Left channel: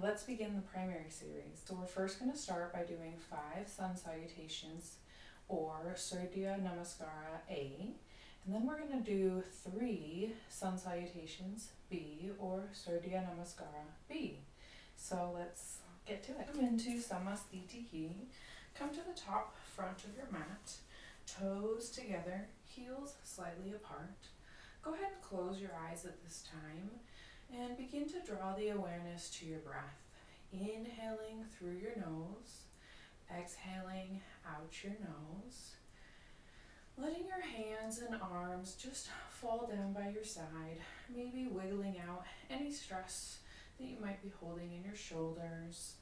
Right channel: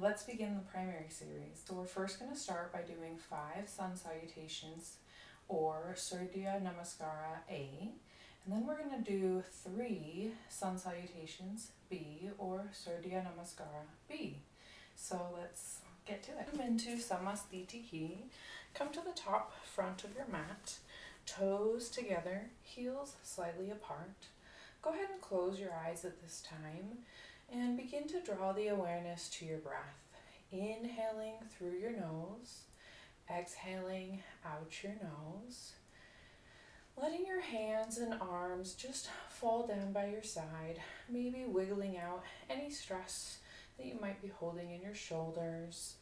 let's begin the primary series. So we're first going to start by doing 5 sun salutations or Surya Namaskara A, and then we're going to do 3 sun salutations B or Surya Namaskara B. So let's get to it. Come into Samastitihi. Come to the top front of your mat, toes together, heels slightly apart. Go ahead and close your eyes at this time and begin to draw the awareness to your breath. Inhaling through your nose, exhaling out your nose. Letting your hands and arms just fall down by your side, maybe wiggling out any stress that you might be holding in your shoulders.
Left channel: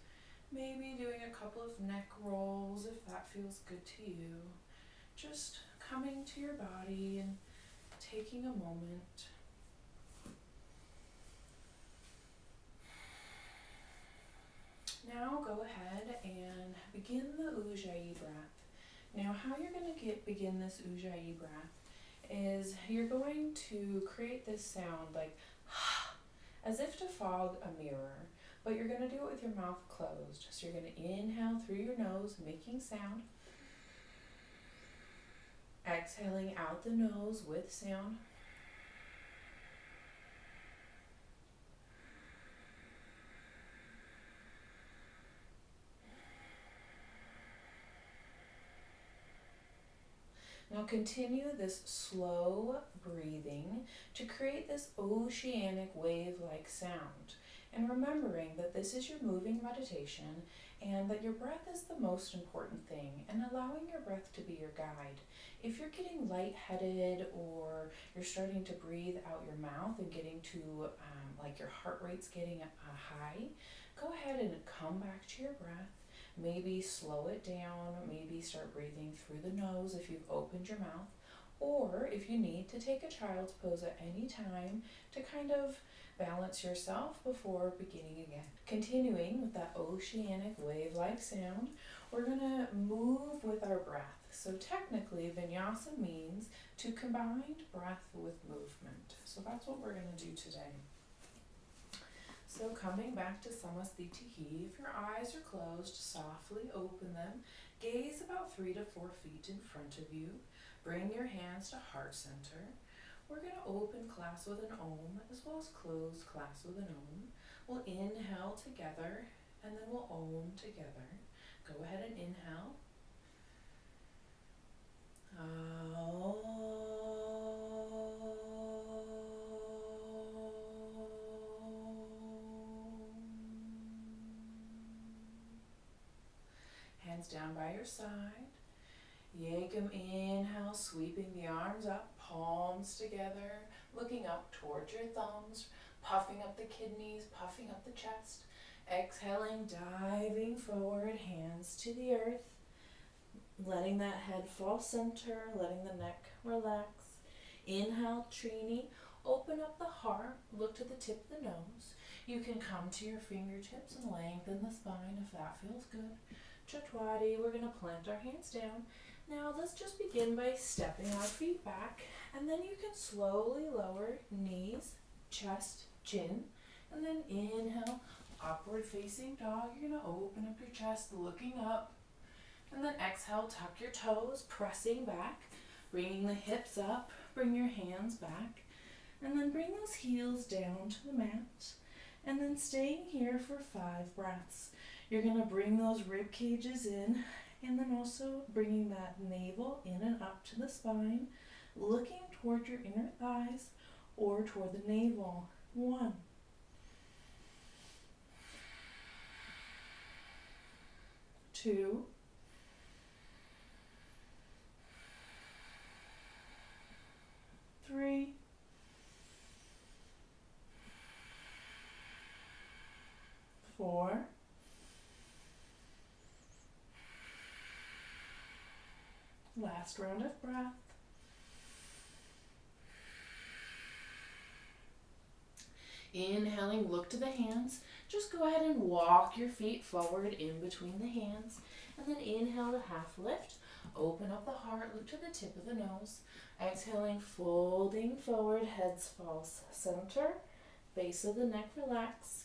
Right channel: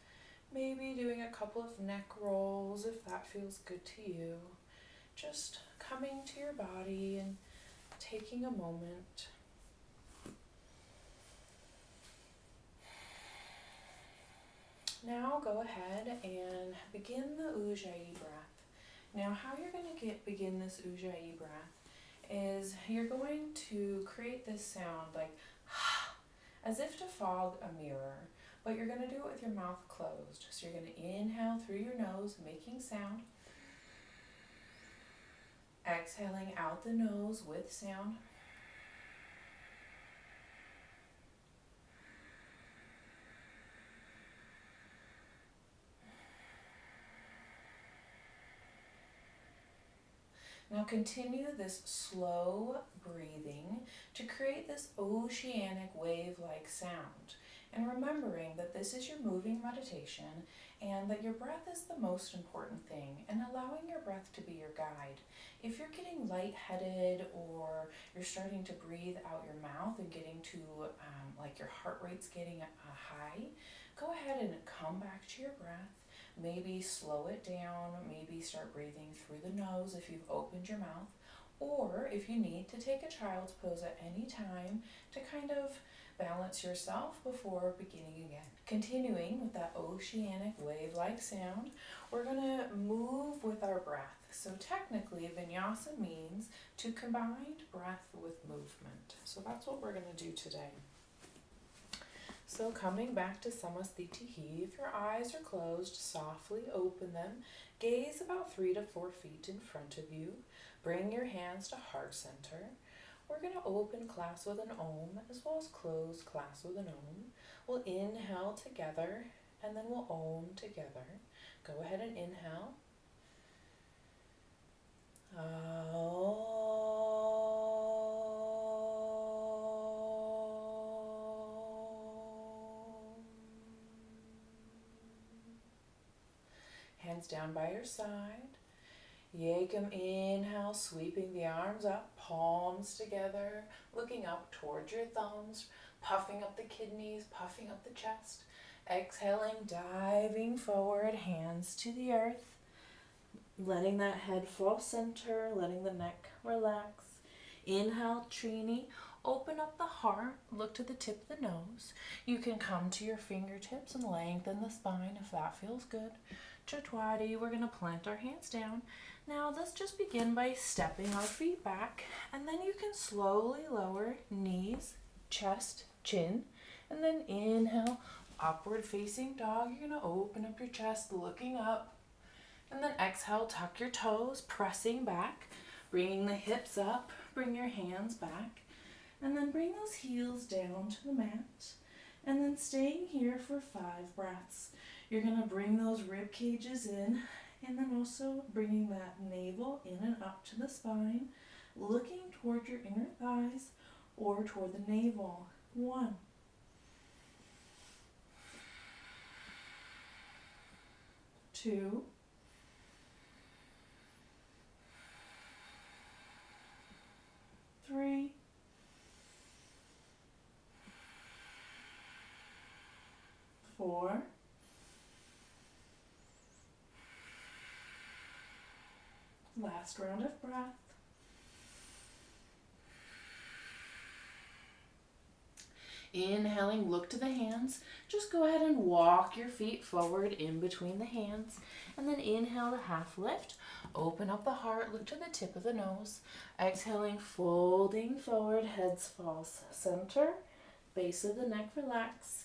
Maybe doing a couple of neck rolls if that feels good to you. Just coming to your body and taking a moment. Now go ahead and begin the Ujjayi breath. Now how you're going to begin this Ujjayi breath is you're going to create this sound like as if to fog a mirror, but you're going to do it with your mouth closed. So you're going to inhale through your nose, making sound. Exhaling out the nose with sound. Now continue this slow breathing to create this oceanic wave-like sound. And remembering that this is your moving meditation and that your breath is the most important thing, and allowing your breath to be your guide. If you're getting lightheaded or you're starting to breathe out your mouth and getting to like your heart rate's getting high, go ahead and come back to your breath. Maybe slow it down, maybe start breathing through the nose if you've opened your mouth, or if you need to take a child's pose at any time to kind of balance yourself before beginning again. Continuing with that oceanic wave-like sound, we're going to move with our breath. So technically, vinyasa means to combine breath with movement. So that's what we're going to do today. So coming back to Samastitihi, if your eyes are closed, softly open them. Gaze about 3 to 4 feet in front of you. Bring your hands to heart center. We're going to open class with an Om as well as close class with an Om. We'll inhale together and then we'll Om together. Go ahead and inhale. Hands down by your side. Yekam, inhale, sweeping the arms up, palms together, looking up towards your thumbs, puffing up the kidneys, puffing up the chest. Exhaling, diving forward, hands to the earth, letting that head fall center, letting the neck relax. Inhale, Trini, open up the heart, look to the tip of the nose. You can come to your fingertips and lengthen the spine if that feels good. Chatwari, we're going to plant our hands down. Now let's just begin by stepping our feet back, and then you can slowly lower knees, chest, chin, and then inhale, upward facing dog. You're going to open up your chest, looking up, and then exhale, tuck your toes, pressing back, bringing the hips up, bring your hands back, and then bring those heels down to the mat, and then staying here for 5 breaths. You're going to bring those rib cages in, and then also bringing that navel in and up to the spine, looking toward your inner thighs or toward the navel. 1. 2. 3. 4. 5. Last round of breath. Inhaling, look to the hands. Just go ahead and walk your feet forward in between the hands. And then inhale to half lift. Open up the heart, look to the tip of the nose. Exhaling, folding forward, heads falls center. Base of the neck relax.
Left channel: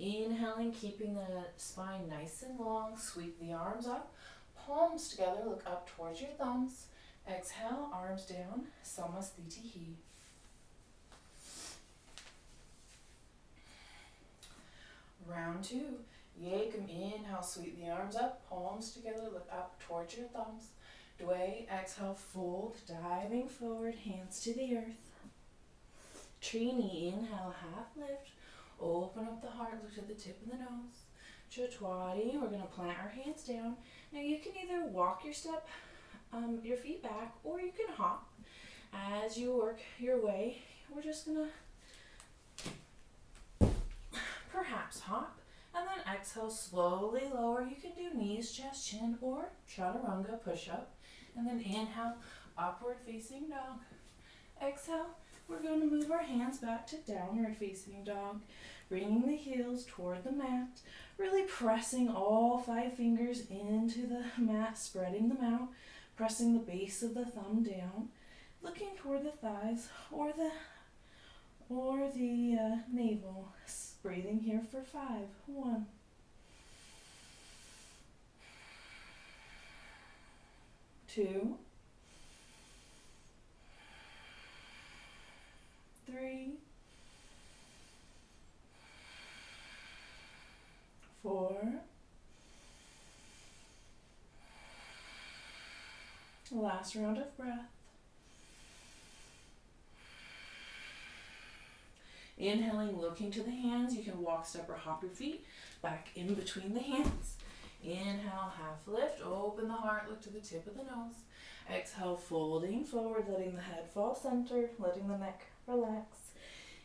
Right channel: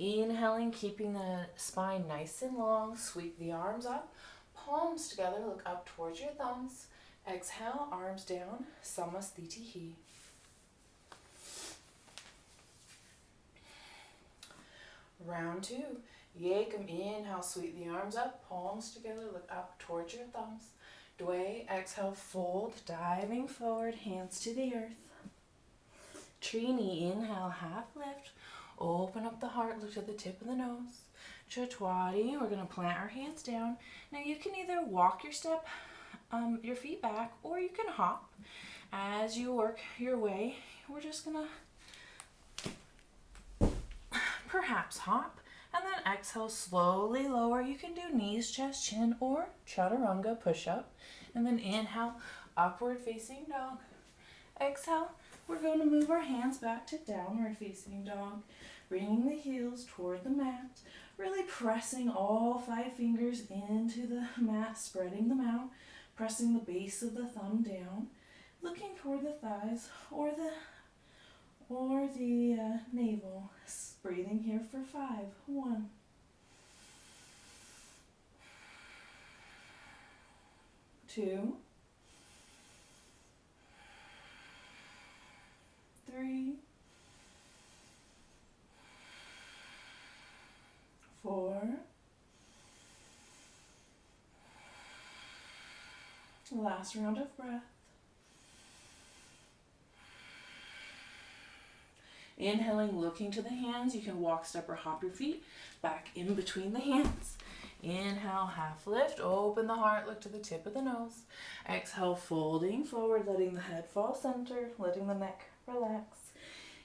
Inhaling, keeping the spine nice and long. Sweep the arms up. Palms together, look up towards your thumbs. Exhale, arms down. Samasthiti. Round 2. Yekam, inhale, sweep the arms up. Palms together, look up towards your thumbs. Dway, exhale, fold, diving forward, hands to the earth. Trini, inhale, half lift. Open up the heart, look to the tip of the nose. Chatwadi, we're going to plant our hands down. Now you can either walk your feet back, or you can hop. As you work your way, we're just going to perhaps hop. And then exhale, slowly lower. You can do knees, chest, chin, or chaturanga, push up. And then inhale, upward facing dog. Exhale, we're going to move our hands back to downward facing dog. Bringing the heels toward the mat. Really pressing all 5 fingers into the mat, spreading them out. Pressing the base of the thumb down. Looking toward the thighs or the navel. Breathing here for 5. 1. 2. 3. 4. Last round of breath. Inhaling, looking to the hands. You can walk, step, or hop your feet back in between the hands. Inhale, half lift. Open the heart, look to the tip of the nose. Exhale, folding forward, letting the head fall center, letting the neck relax.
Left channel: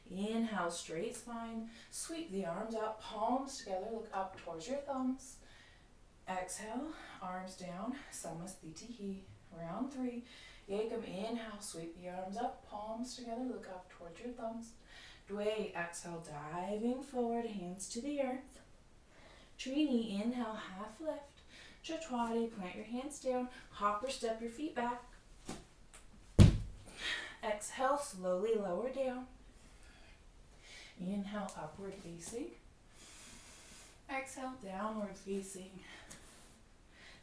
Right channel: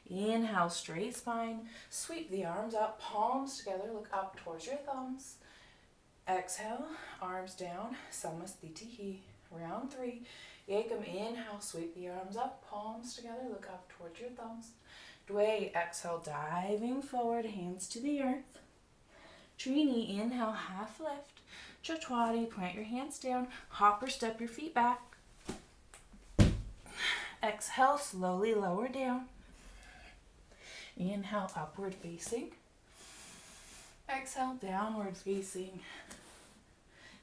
Inhale, straight spine. Sweep the arms up, palms together, look up towards your thumbs. Exhale, arms down, Samasthiti. Round 3. Yekam, inhale, sweep the arms up, palms together, look up towards your thumbs. Dway, exhale, diving forward, hands to the earth. Trini, inhale, half lift. Chatwadi, plant your hands down, hop or step your feet back. Exhale, slowly lower down. Inhale, upward facing. Exhale, downward facing.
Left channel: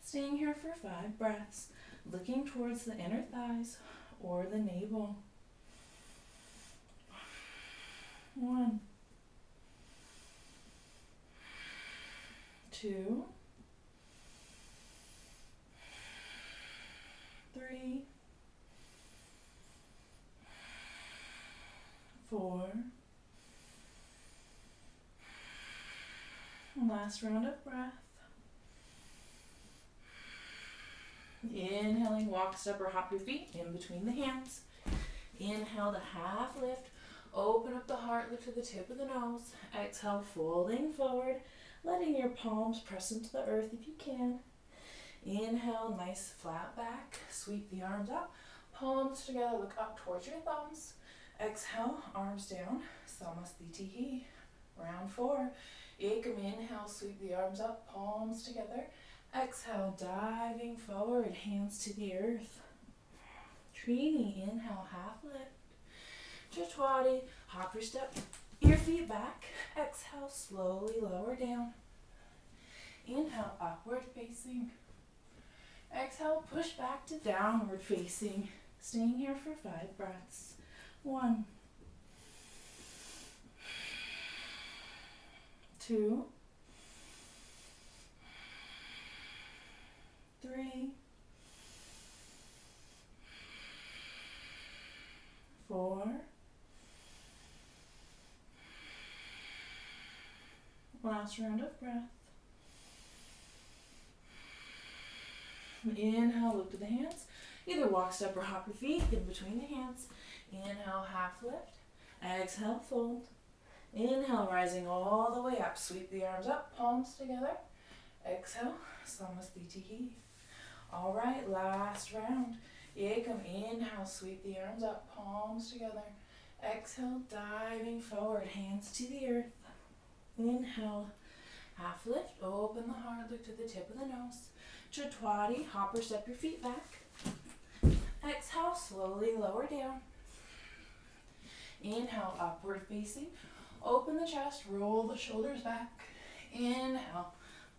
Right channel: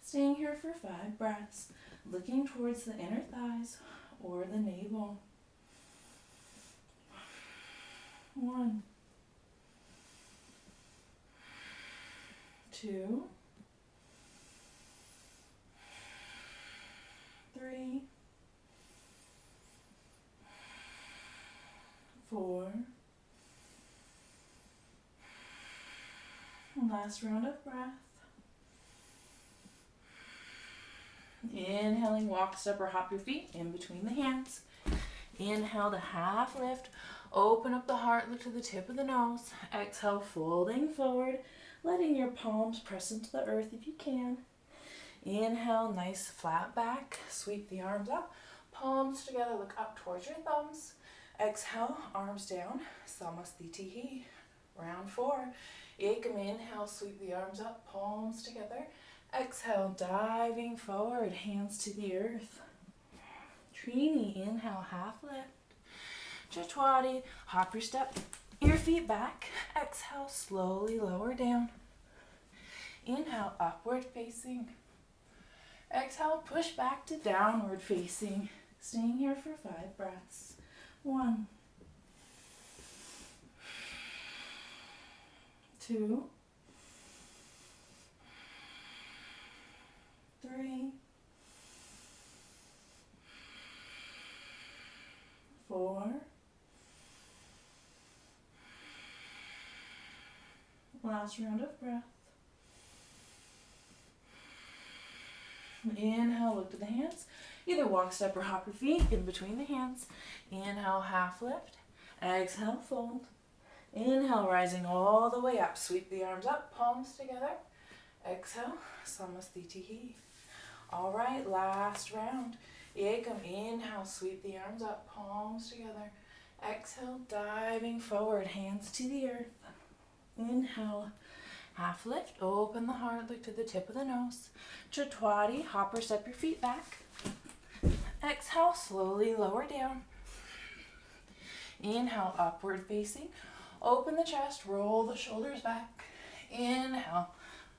Staying here for 5 breaths, looking towards the inner thighs or the navel. 1. 2. 3. 4. Last round of breath. Inhaling, walk, step, or hop your feet in between the hands. Inhale to half lift. Open up the heart, look to the tip of the nose. Exhale, folding forward, letting your palms press into the earth if you can. Inhale, nice flat back. Sweep the arms up. Palms together, look up towards your thumbs. Exhale, arms down. Samasthiti. Round 4. Ekam, inhale, sweep the arms up, palms together. Exhale, diving forward, hands to the earth. Trini, inhale, half lift. Chatwadi, hop your step, your feet back. Exhale, slowly lower down. Inhale, upward facing. Exhale, push back to downward facing. Staying here for 5 breaths. 1. 2. 3. 4. Last round of breath. Inhale, look to the hands. Either walk, step, or hop your feet in between the hands. Inhale, half lift. Exhale, fold. Inhale, rising all the way up. Sweep the arms up, palms together. Exhale, Samasthiti. All right, last round. Ekam, inhale, sweep the arms up, palms together. Exhale, diving forward, hands to the earth. Inhale, half lift, open the heart, look to the tip of the nose. Chatwadi, hop or step your feet back. Exhale, slowly lower down. Inhale, upward facing. Open the chest, roll the shoulders back. Inhale,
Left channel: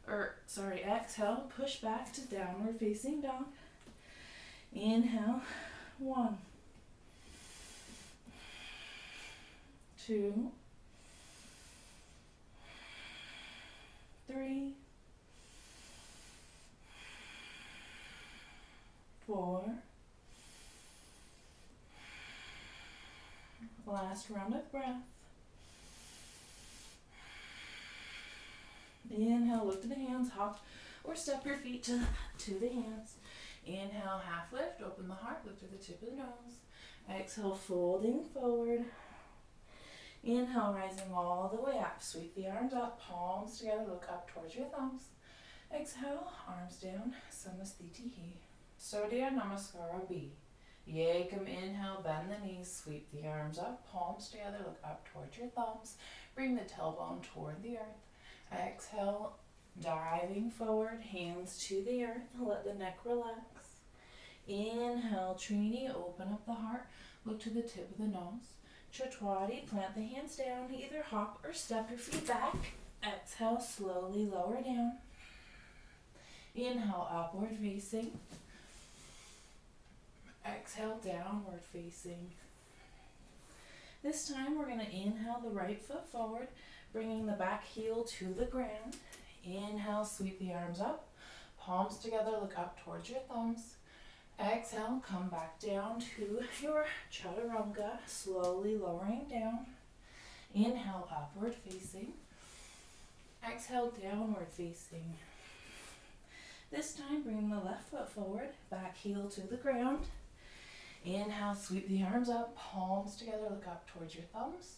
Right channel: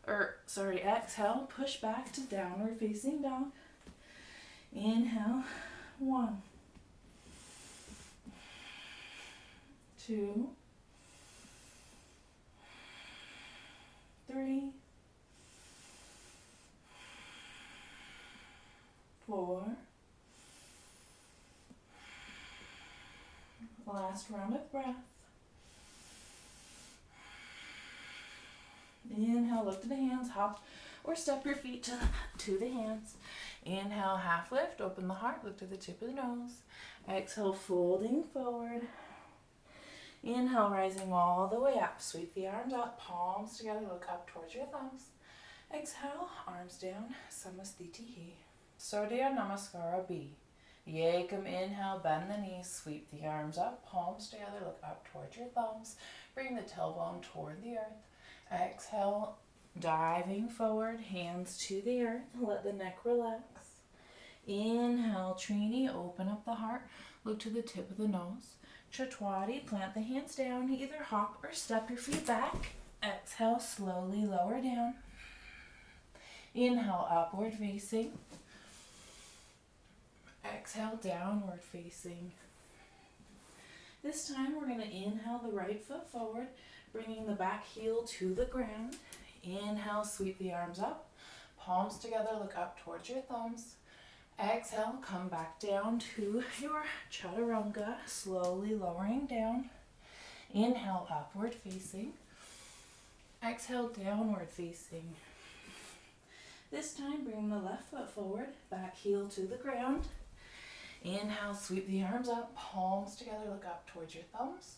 exhale, push back to downward facing dog. Inhale, 1, 2, 3, 4. Last round of breath. Inhale, look to the hands, hop or step your feet to the hands. Inhale, half lift, open the heart, look to the tip of the nose. Exhale, folding forward. Inhale, rising all the way up. Sweep the arms up, palms together, look up towards your thumbs. Exhale, arms down, Samasthiti. Surya Namaskara B. Yekam, inhale, bend the knees, sweep the arms up, palms together, look up towards your thumbs. Bring the tailbone toward the earth. Exhale, diving forward, hands to the earth, let the neck relax. Inhale, Trini, open up the heart, look to the tip of the nose. Chatwari, plant the hands down, either hop or step your feet back. Exhale, slowly lower down. Inhale, upward facing. Exhale, downward facing. This time we're going to inhale the right foot forward, bringing the back heel to the ground. Inhale, sweep the arms up, palms together, look up towards your thumbs. Exhale, come back down to your chaturanga, slowly lowering down. Inhale, upward facing. Exhale, downward facing. This time, bring the left foot forward, back heel to the ground. Inhale, sweep the arms up, palms together, look up towards your thumbs.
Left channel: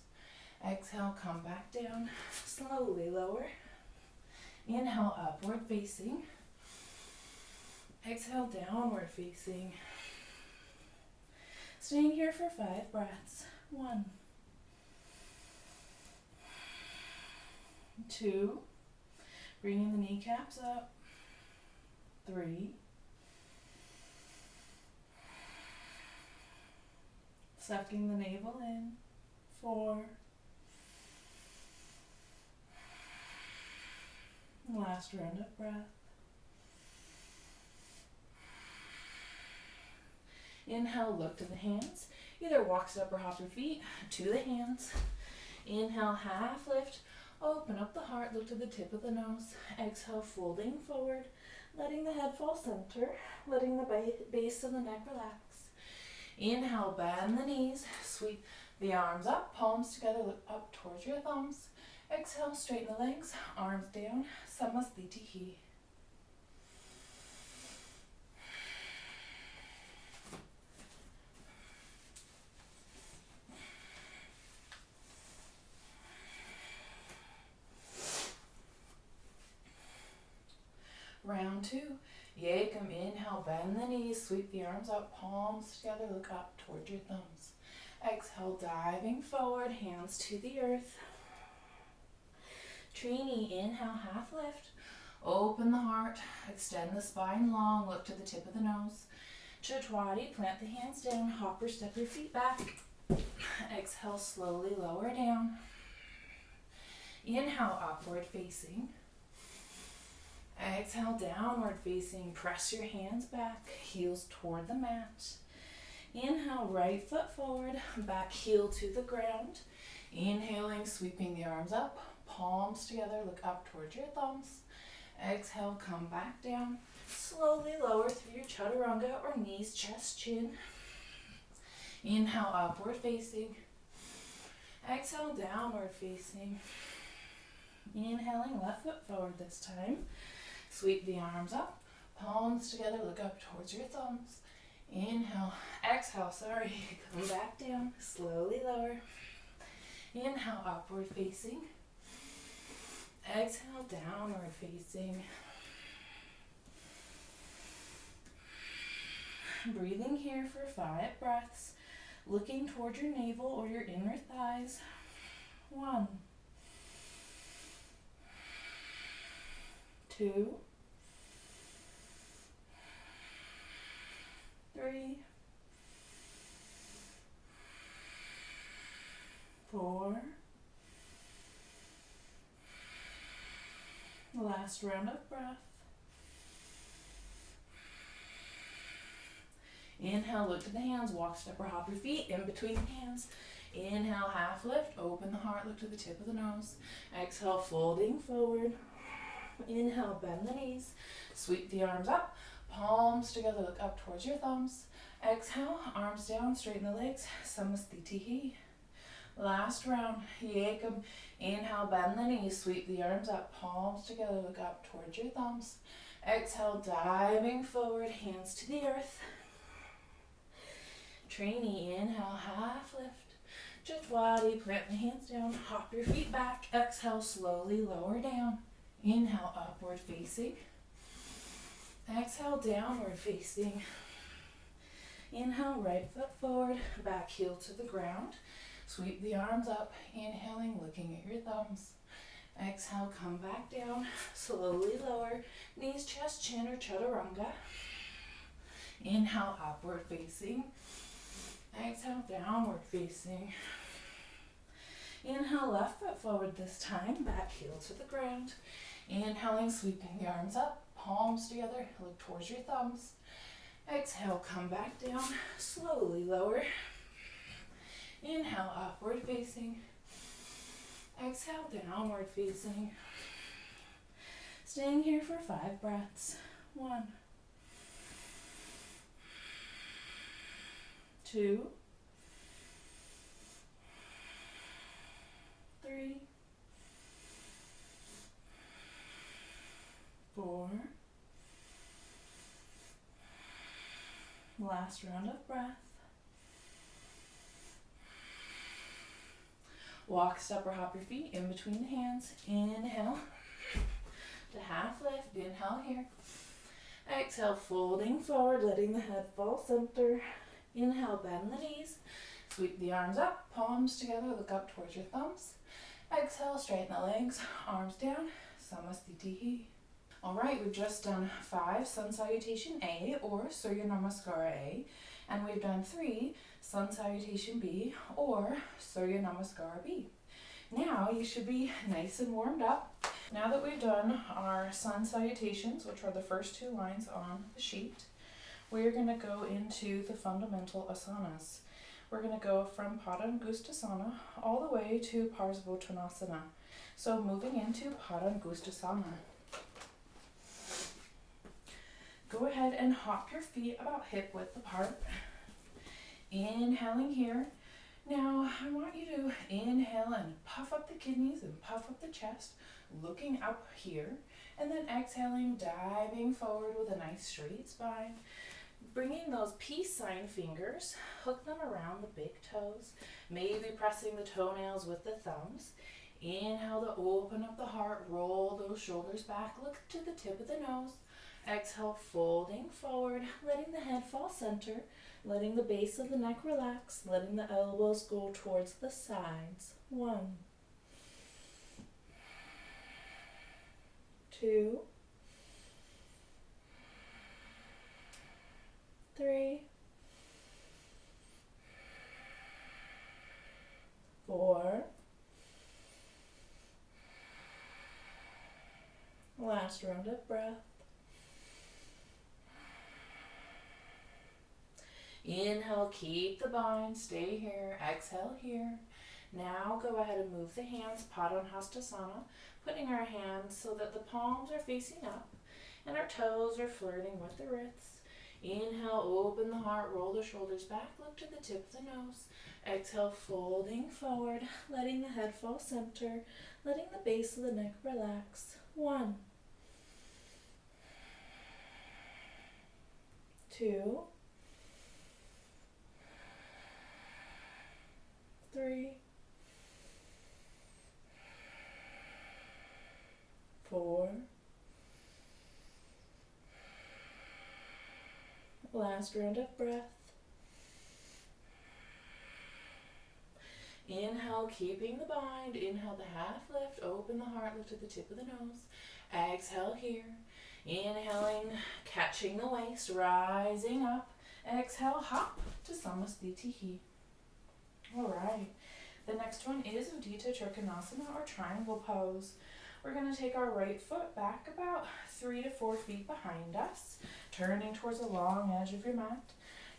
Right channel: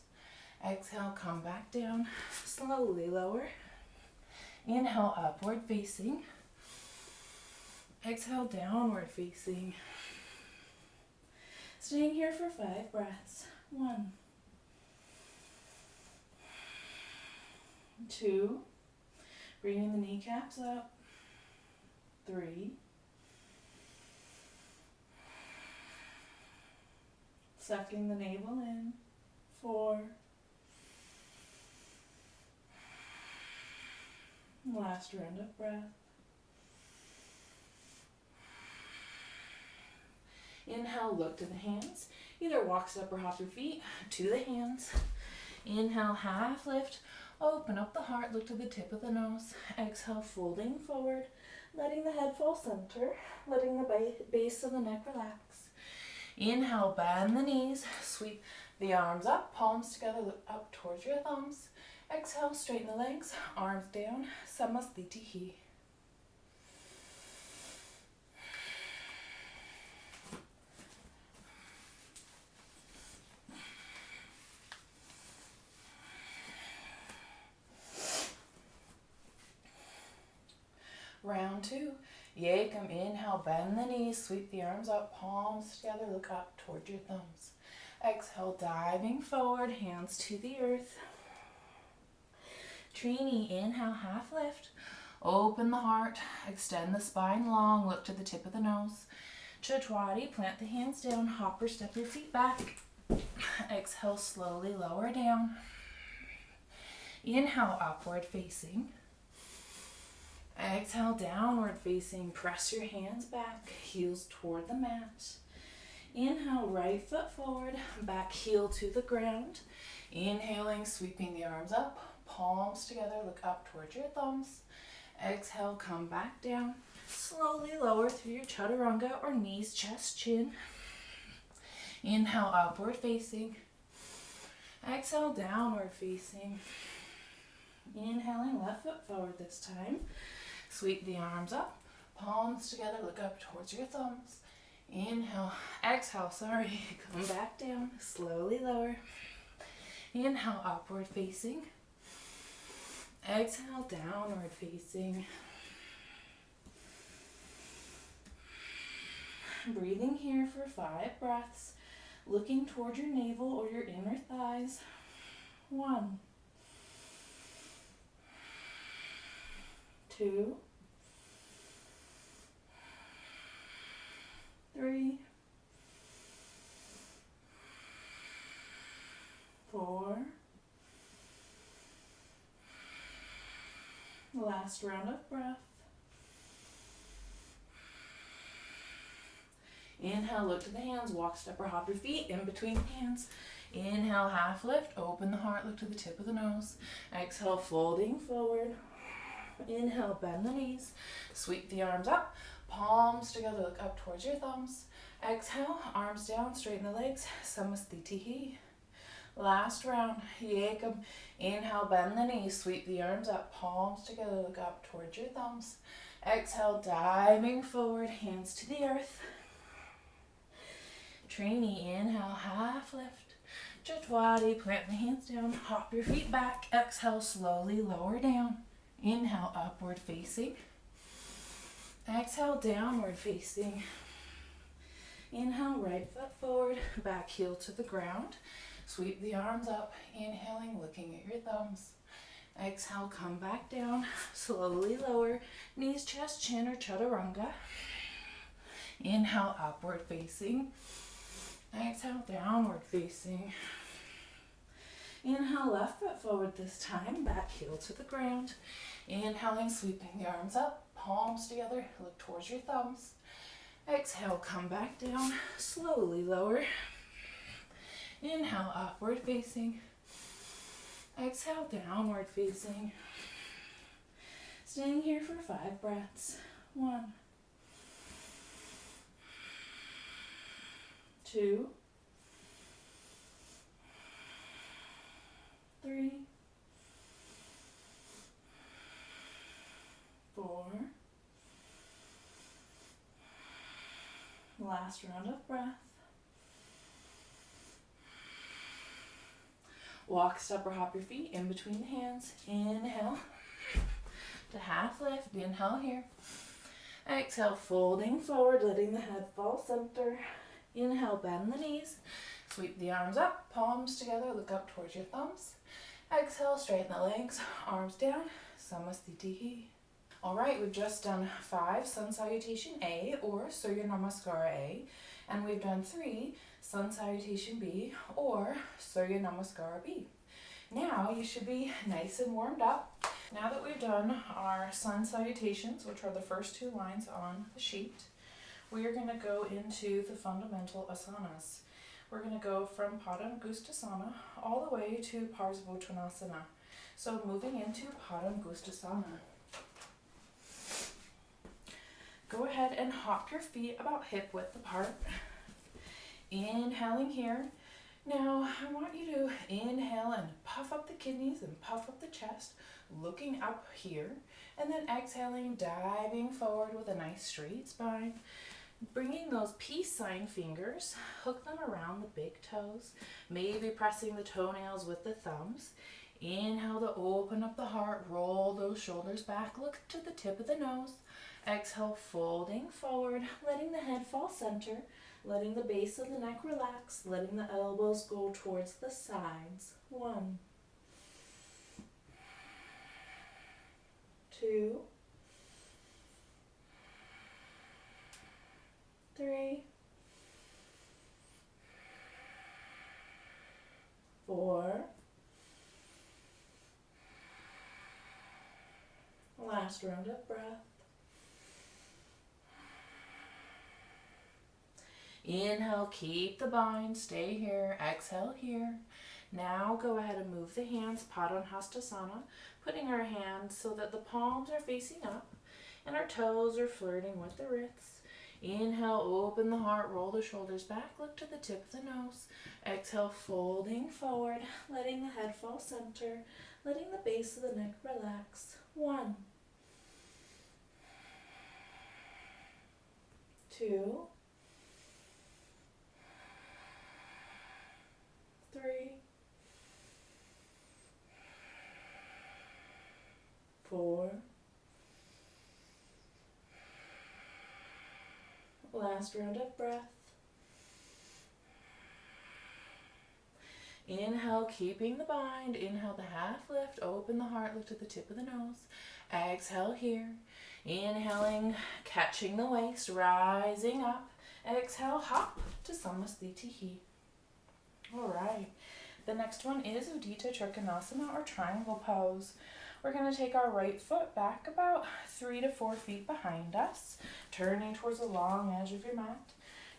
Exhale, come back down, slowly lower. Inhale, upward facing. Exhale, downward facing. Staying here for 5 breaths. 1, 2, bringing the kneecaps up. 3, sucking the navel in. 4, last round of breath. Inhale, look to the hands. Either walk, step, or hop your feet to the hands. Inhale, half lift. Open up the heart, look to the tip of the nose. Exhale, folding forward, letting the head fall center, letting the base of the neck relax. Inhale, bend the knees, sweep the arms up, palms together, look up towards your thumbs. Exhale, straighten the legs, arms down, Samasthiti. Round 2. Yekam, inhale, bend the knees, sweep the arms up, palms together, look up toward your thumbs. Exhale, diving forward, hands to the earth. Trini, inhale, half lift. Open the heart, extend the spine long, look to the tip of the nose. Chatwari, plant the hands down, hop or step your feet back. Exhale, slowly lower down. Inhale, upward facing. Exhale, downward facing. Press your hands back, heels toward the mat. Inhale, right foot forward, back heel to the ground. Inhaling, sweeping the arms up, palms together, look up towards your thumbs. Exhale, come back down. Slowly lower through your chaturanga or knees, chest, chin. Inhale, upward facing. Exhale, downward facing. Inhaling, left foot forward this time. Sweep the arms up, palms together, look up towards your thumbs. Inhale, exhale, come back down, slowly lower. Inhale, upward facing. Exhale, downward facing. Breathing here for 5 breaths, looking toward your navel or your inner thighs. 1, 2, 3, 4, Last round of breath. Inhale, look to the hands, walk, step, or hop your feet in between the hands. Inhale, half lift, open the heart, look to the tip of the nose. Exhale, folding forward. Inhale, bend the knees, sweep the arms up, palms together, look up towards your thumbs. Exhale, arms down, straighten the legs, Samasthiti. Last round, Yekam. Inhale, bend the knees, sweep the arms up, palms together, look up towards your thumbs. Exhale, diving forward, hands to the earth. Trainee, inhale, half lift. Chatwadi, plant the hands down, hop your feet back. Exhale, slowly lower down. Inhale, upward facing. Exhale, downward facing. Inhale, right foot forward, back heel to the ground. Sweep the arms up, inhaling, looking at your thumbs. Exhale, come back down, slowly lower, knees, chest, chin, or chaturanga. Inhale, upward facing. Exhale, downward facing. Inhale, left foot forward this time, back heel to the ground. Inhaling, sweeping the arms up, palms together, look towards your thumbs. Exhale, come back down, slowly lower. Inhale, upward facing. Exhale, downward facing. Staying here for 5 breaths. 1, 2, 3, 4. Last round of breath. Walk, step, or hop your feet in between the hands. Inhale to half lift. Inhale here. Exhale, folding forward, letting the head fall center. Inhale, bend the knees. Sweep the arms up, palms together, look up towards your thumbs. Exhale, straighten the legs, arms down, Samasthiti. All right, we've just done 5 Sun Salutation A or Surya Namaskara A, and we've done 3 Sun Salutation B or Surya Namaskara B. Now you should be nice and warmed up. Now that we've done our Sun Salutations, which are the first 2 lines on the sheet, we are going to go into the fundamental asanas. We're going to go from Padangusthasana all the way to Parsvottanasana. So moving into Padangusthasana. Go ahead and hop your feet about hip width apart. Inhaling here. Now I want you to inhale and puff up the kidneys and puff up the chest, looking up here, and then exhaling, diving forward with a nice straight spine. Bringing those peace sign fingers, hook them around the big toes, maybe pressing the toenails with the thumbs. Inhale to open up the heart, roll those shoulders back, look to the tip of the nose. Exhale, folding forward, letting the head fall center, letting the base of the neck relax, letting the elbows go towards the sides. 1, 2, 3, 4. Last round of breath. Inhale, keep the bind, stay here. Exhale here. Now go ahead and move the hands, Padangusthasana, putting our hands so that the palms are facing up and our toes are flirting with the wrists. Inhale, open the heart, roll the shoulders back, look to the tip of the nose. Exhale, folding forward, letting the head fall center, letting the base of the neck relax. 1, 2, 3, 4. Last round of breath. Inhale, keeping the bind. Inhale the half lift, open the heart, look to the tip of the nose. Exhale here. Inhaling, catching the waist, rising up. Exhale, hop to Samasthiti. All right. The next one is Uddita Trikonasana or triangle pose. we're going to take our right foot back about 3 to 4 feet behind us, turning towards the long edge of your mat.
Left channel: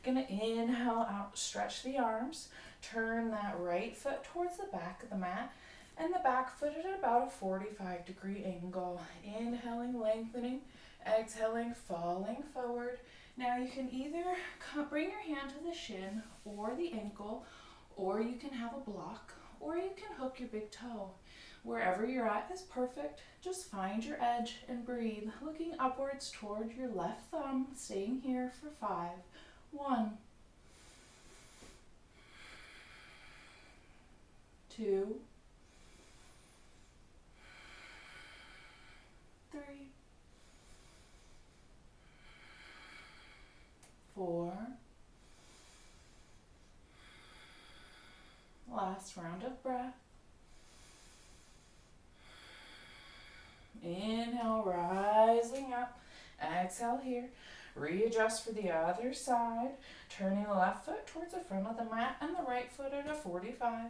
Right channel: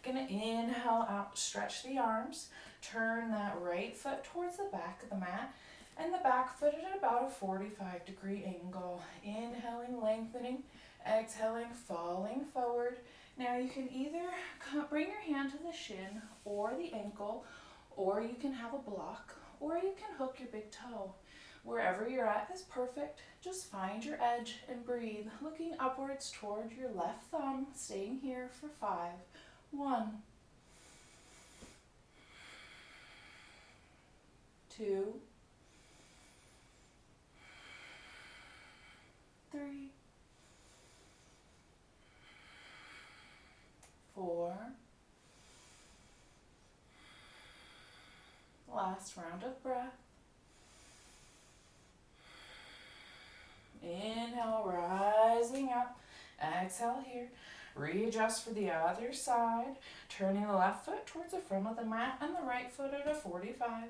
Going to inhale out, stretch the arms, turn that right foot towards the back of the mat, and the back foot at about a 45-degree angle. Inhaling, lengthening, exhaling, falling forward. Now you can either bring your hand to the shin or the ankle, or you can have a block, or you can hook your big toe. Wherever you're at is perfect. Just find your edge and breathe, looking upwards toward your left thumb, staying here for 5. 1, 2, 3, 4. Last round of breath. Inhale, rising up. Exhale here. Readjust for the other side. Turning the left foot towards the front of the mat and the right foot at a 45.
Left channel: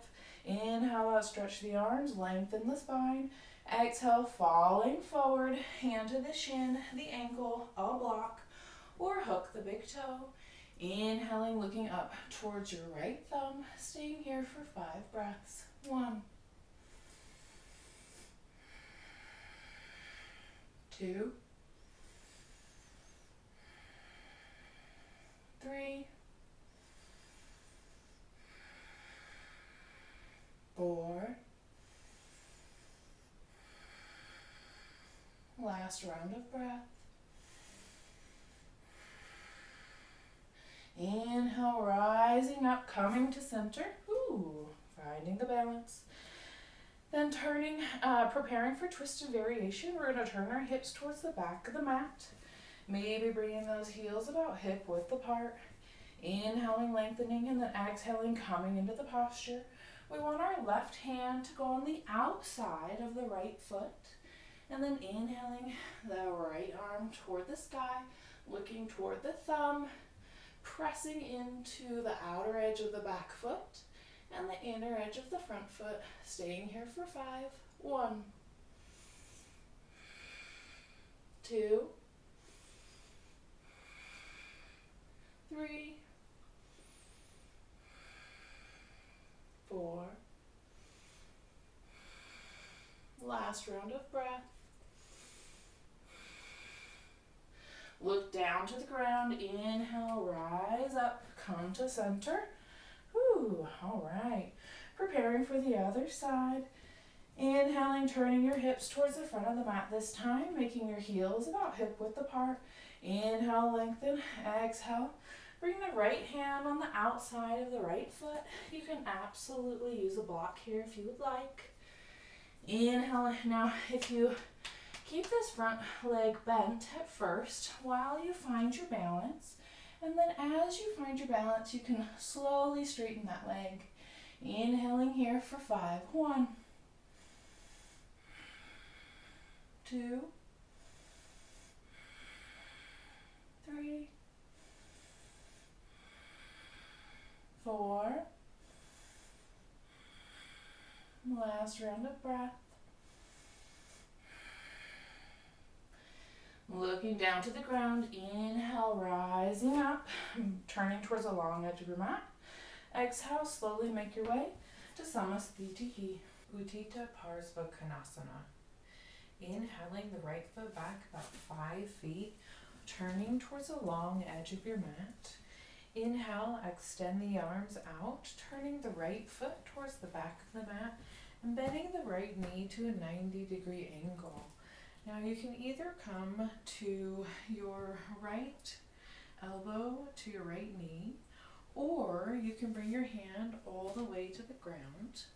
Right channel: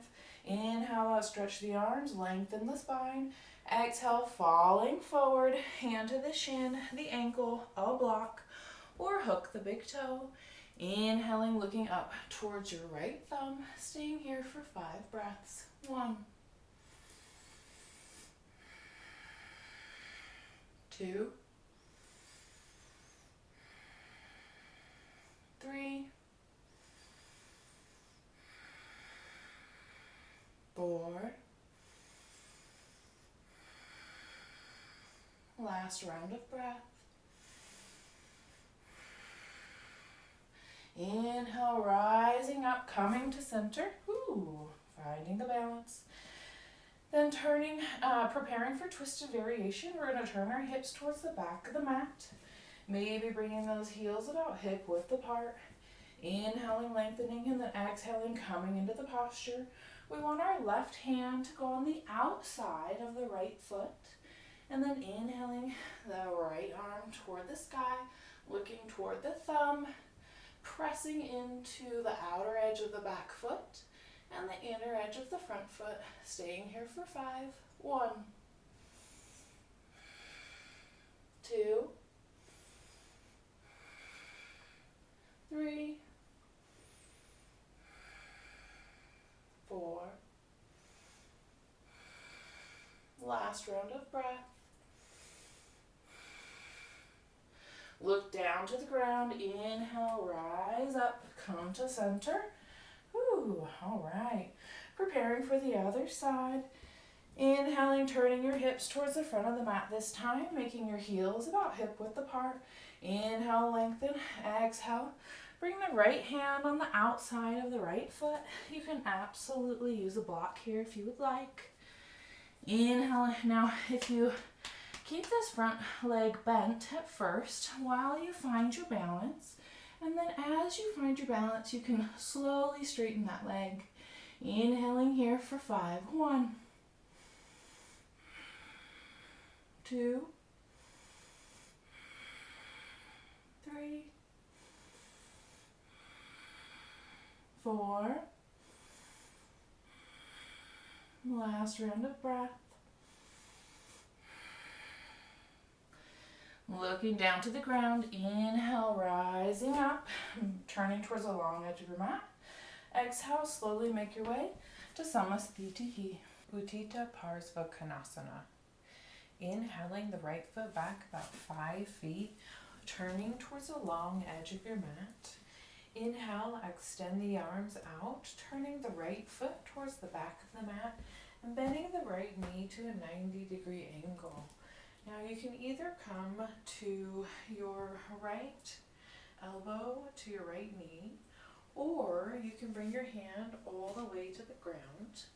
Inhale out, stretch the arms, lengthen the spine. Exhale, falling forward, hand to the shin, the ankle, a block, or hook the big toe. Inhaling, looking up towards your right thumb, staying here for 5 breaths. 1, 2, 3, 4. Last round of breath. Inhale, rising up, coming to center. Finding the balance. Then turning, preparing for twisted variation. We're going to turn our hips towards the back of the mat. Maybe bringing those heels about hip width apart. Inhaling, lengthening, and then exhaling, coming into the posture. We want our left hand to go on the outside of the right foot. And then inhaling the right arm toward the sky, looking toward the thumb, pressing into the outer edge of the back foot and the inner edge of the front foot, staying here for 5. 1, 2, 3, 4. Last round of breath. Look down to the ground. Inhale, rise up, come to center. All right. Preparing for the other side. Inhaling, turning your hips towards the front of the mat this time, making your heels about hip width apart. Inhale, lengthen. Exhale. Bring the right hand on the outside of the right foot. You can absolutely use a block here if you would like. Inhale. Now, if you keep this front leg bent at first while you find your balance, and then as you find your balance, you can slowly straighten that leg. Inhaling here for 5. 1, 2, 3, 4. Last round of breath. Looking down to the ground, inhale, rising up, turning towards the long edge of your mat. Exhale, slowly make your way to Samasthiti, Utthita Parsvakonasana. Inhaling the right foot back about 5 feet, turning towards the long edge of your mat. Inhale, extend the arms out, turning the right foot towards the back of the mat and bending the right knee to a 90-degree angle. Now you can either come to your right elbow to your right knee, or you can bring your hand all the way to the ground.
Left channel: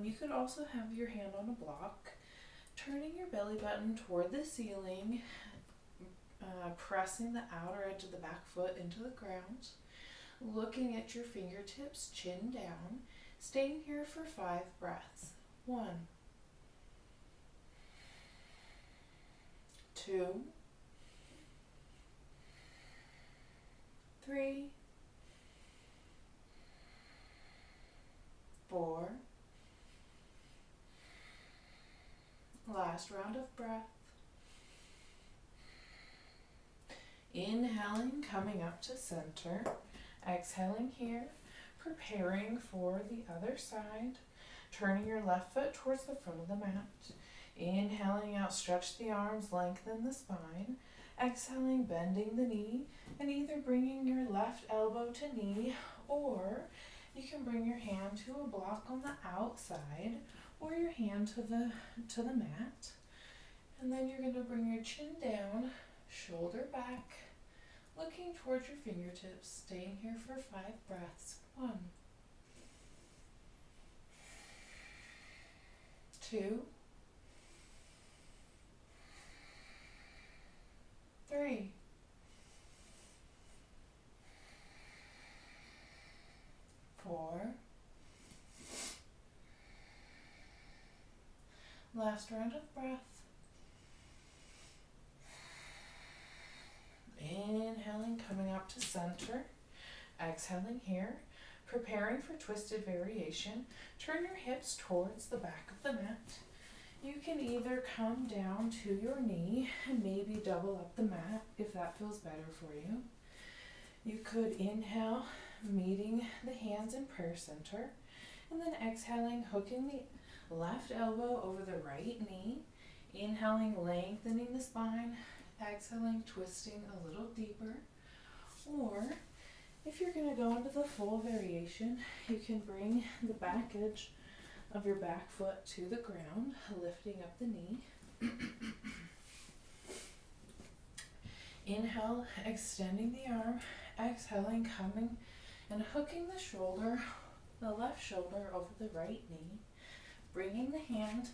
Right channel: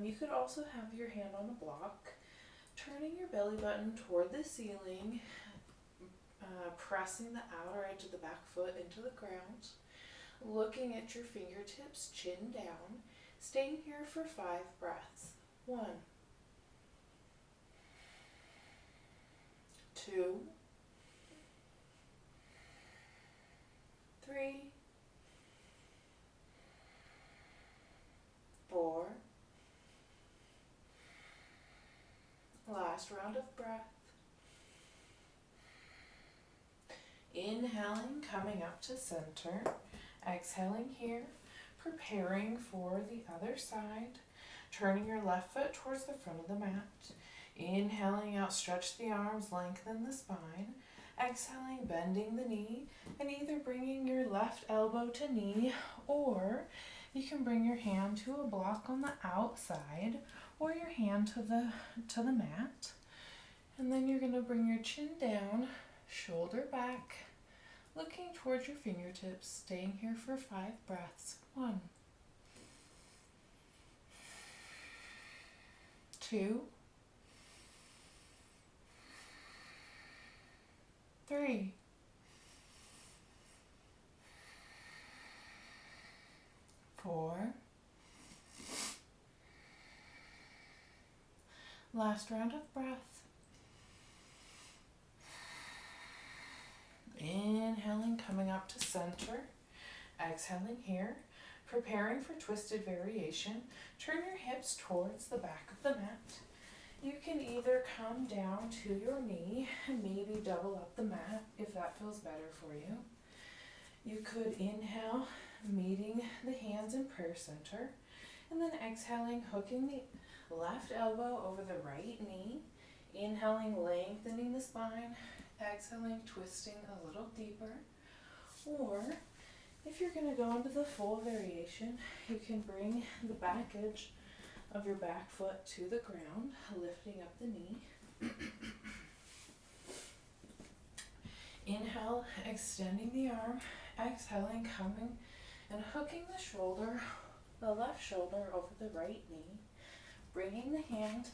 You could also have your hand on a block, turning your belly button toward the ceiling, pressing the outer edge of the back foot into the ground, looking at your fingertips, chin down, staying here for 5 breaths. 1, 2, 3, 4. Last last round of breath. Inhaling, coming up to center. Exhaling here, preparing for the other side. Turning your left foot towards the front of the mat. Inhaling out, stretch the arms, lengthen the spine. Exhaling, bending the knee, and either bringing your left elbow to knee, or you can bring your hand to a block on the outside, or your hand to the mat. And then you're going to bring your chin down, shoulder back, looking towards your fingertips, staying here for 5 breaths. 1, 2, 3, 4. Last round of breath. Inhaling, coming up to center. Exhaling here, preparing for twisted variation. Turn your hips towards the back of the mat. You can either come down to your knee and maybe double up the mat if that feels better for you. You could inhale, meeting the hands in prayer center, and then exhaling, hooking the left elbow over the right knee. Inhaling, lengthening the spine. Exhaling, twisting a little deeper. Or if you're going to go into the full variation, you can bring the back edge of your back foot to the ground, lifting up the knee. Inhale, extending the arm. Exhaling, coming and hooking the shoulder, the left shoulder over the right knee. Bringing the hand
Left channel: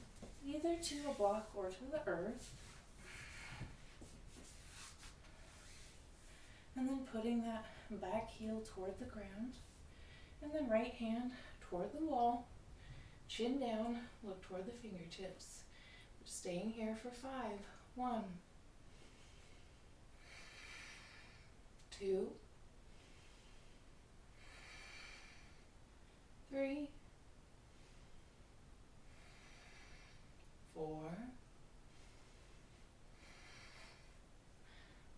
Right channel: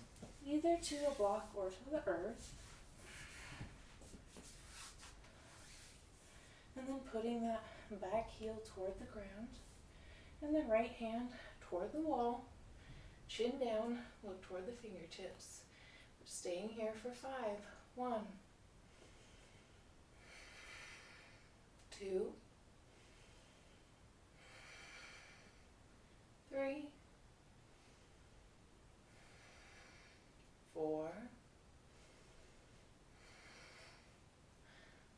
either to a block or to the earth. And then putting that back heel toward the ground. And then right hand toward the wall. Chin down, look toward the fingertips. We're staying here for 5. 1, 2, 3, 4.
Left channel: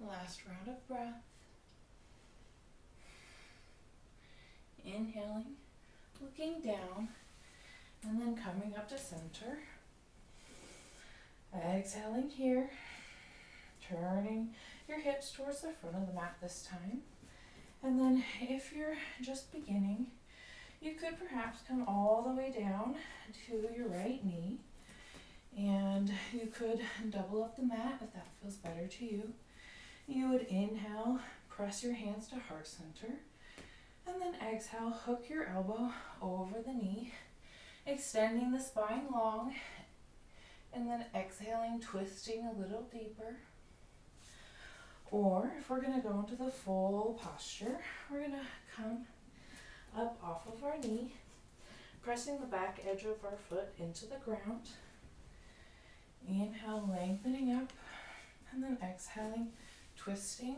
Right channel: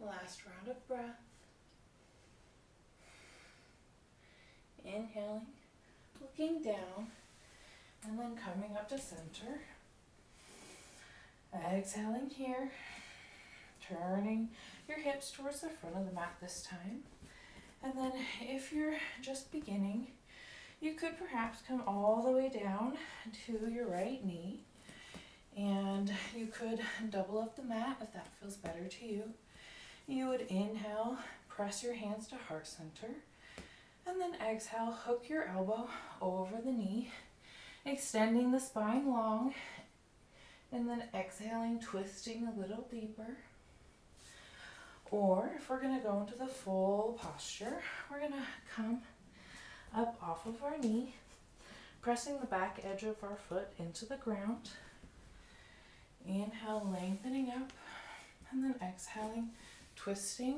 Last round of breath. Inhaling, looking down, and then coming up to center. Exhaling here, turning your hips towards the front of the mat this time. And then if you're just beginning, you could perhaps come all the way down to your right knee, and you could double up the mat if that feels better to you. You would inhale, press your hands to heart center, and then exhale, hook your elbow over the knee, extending the spine long, and then exhaling, twisting a little deeper. Or if we're going to go into the full posture, we're going to come up off of our knee, pressing the back edge of our foot into the ground. Inhale, lengthening up, and then exhaling, twisting.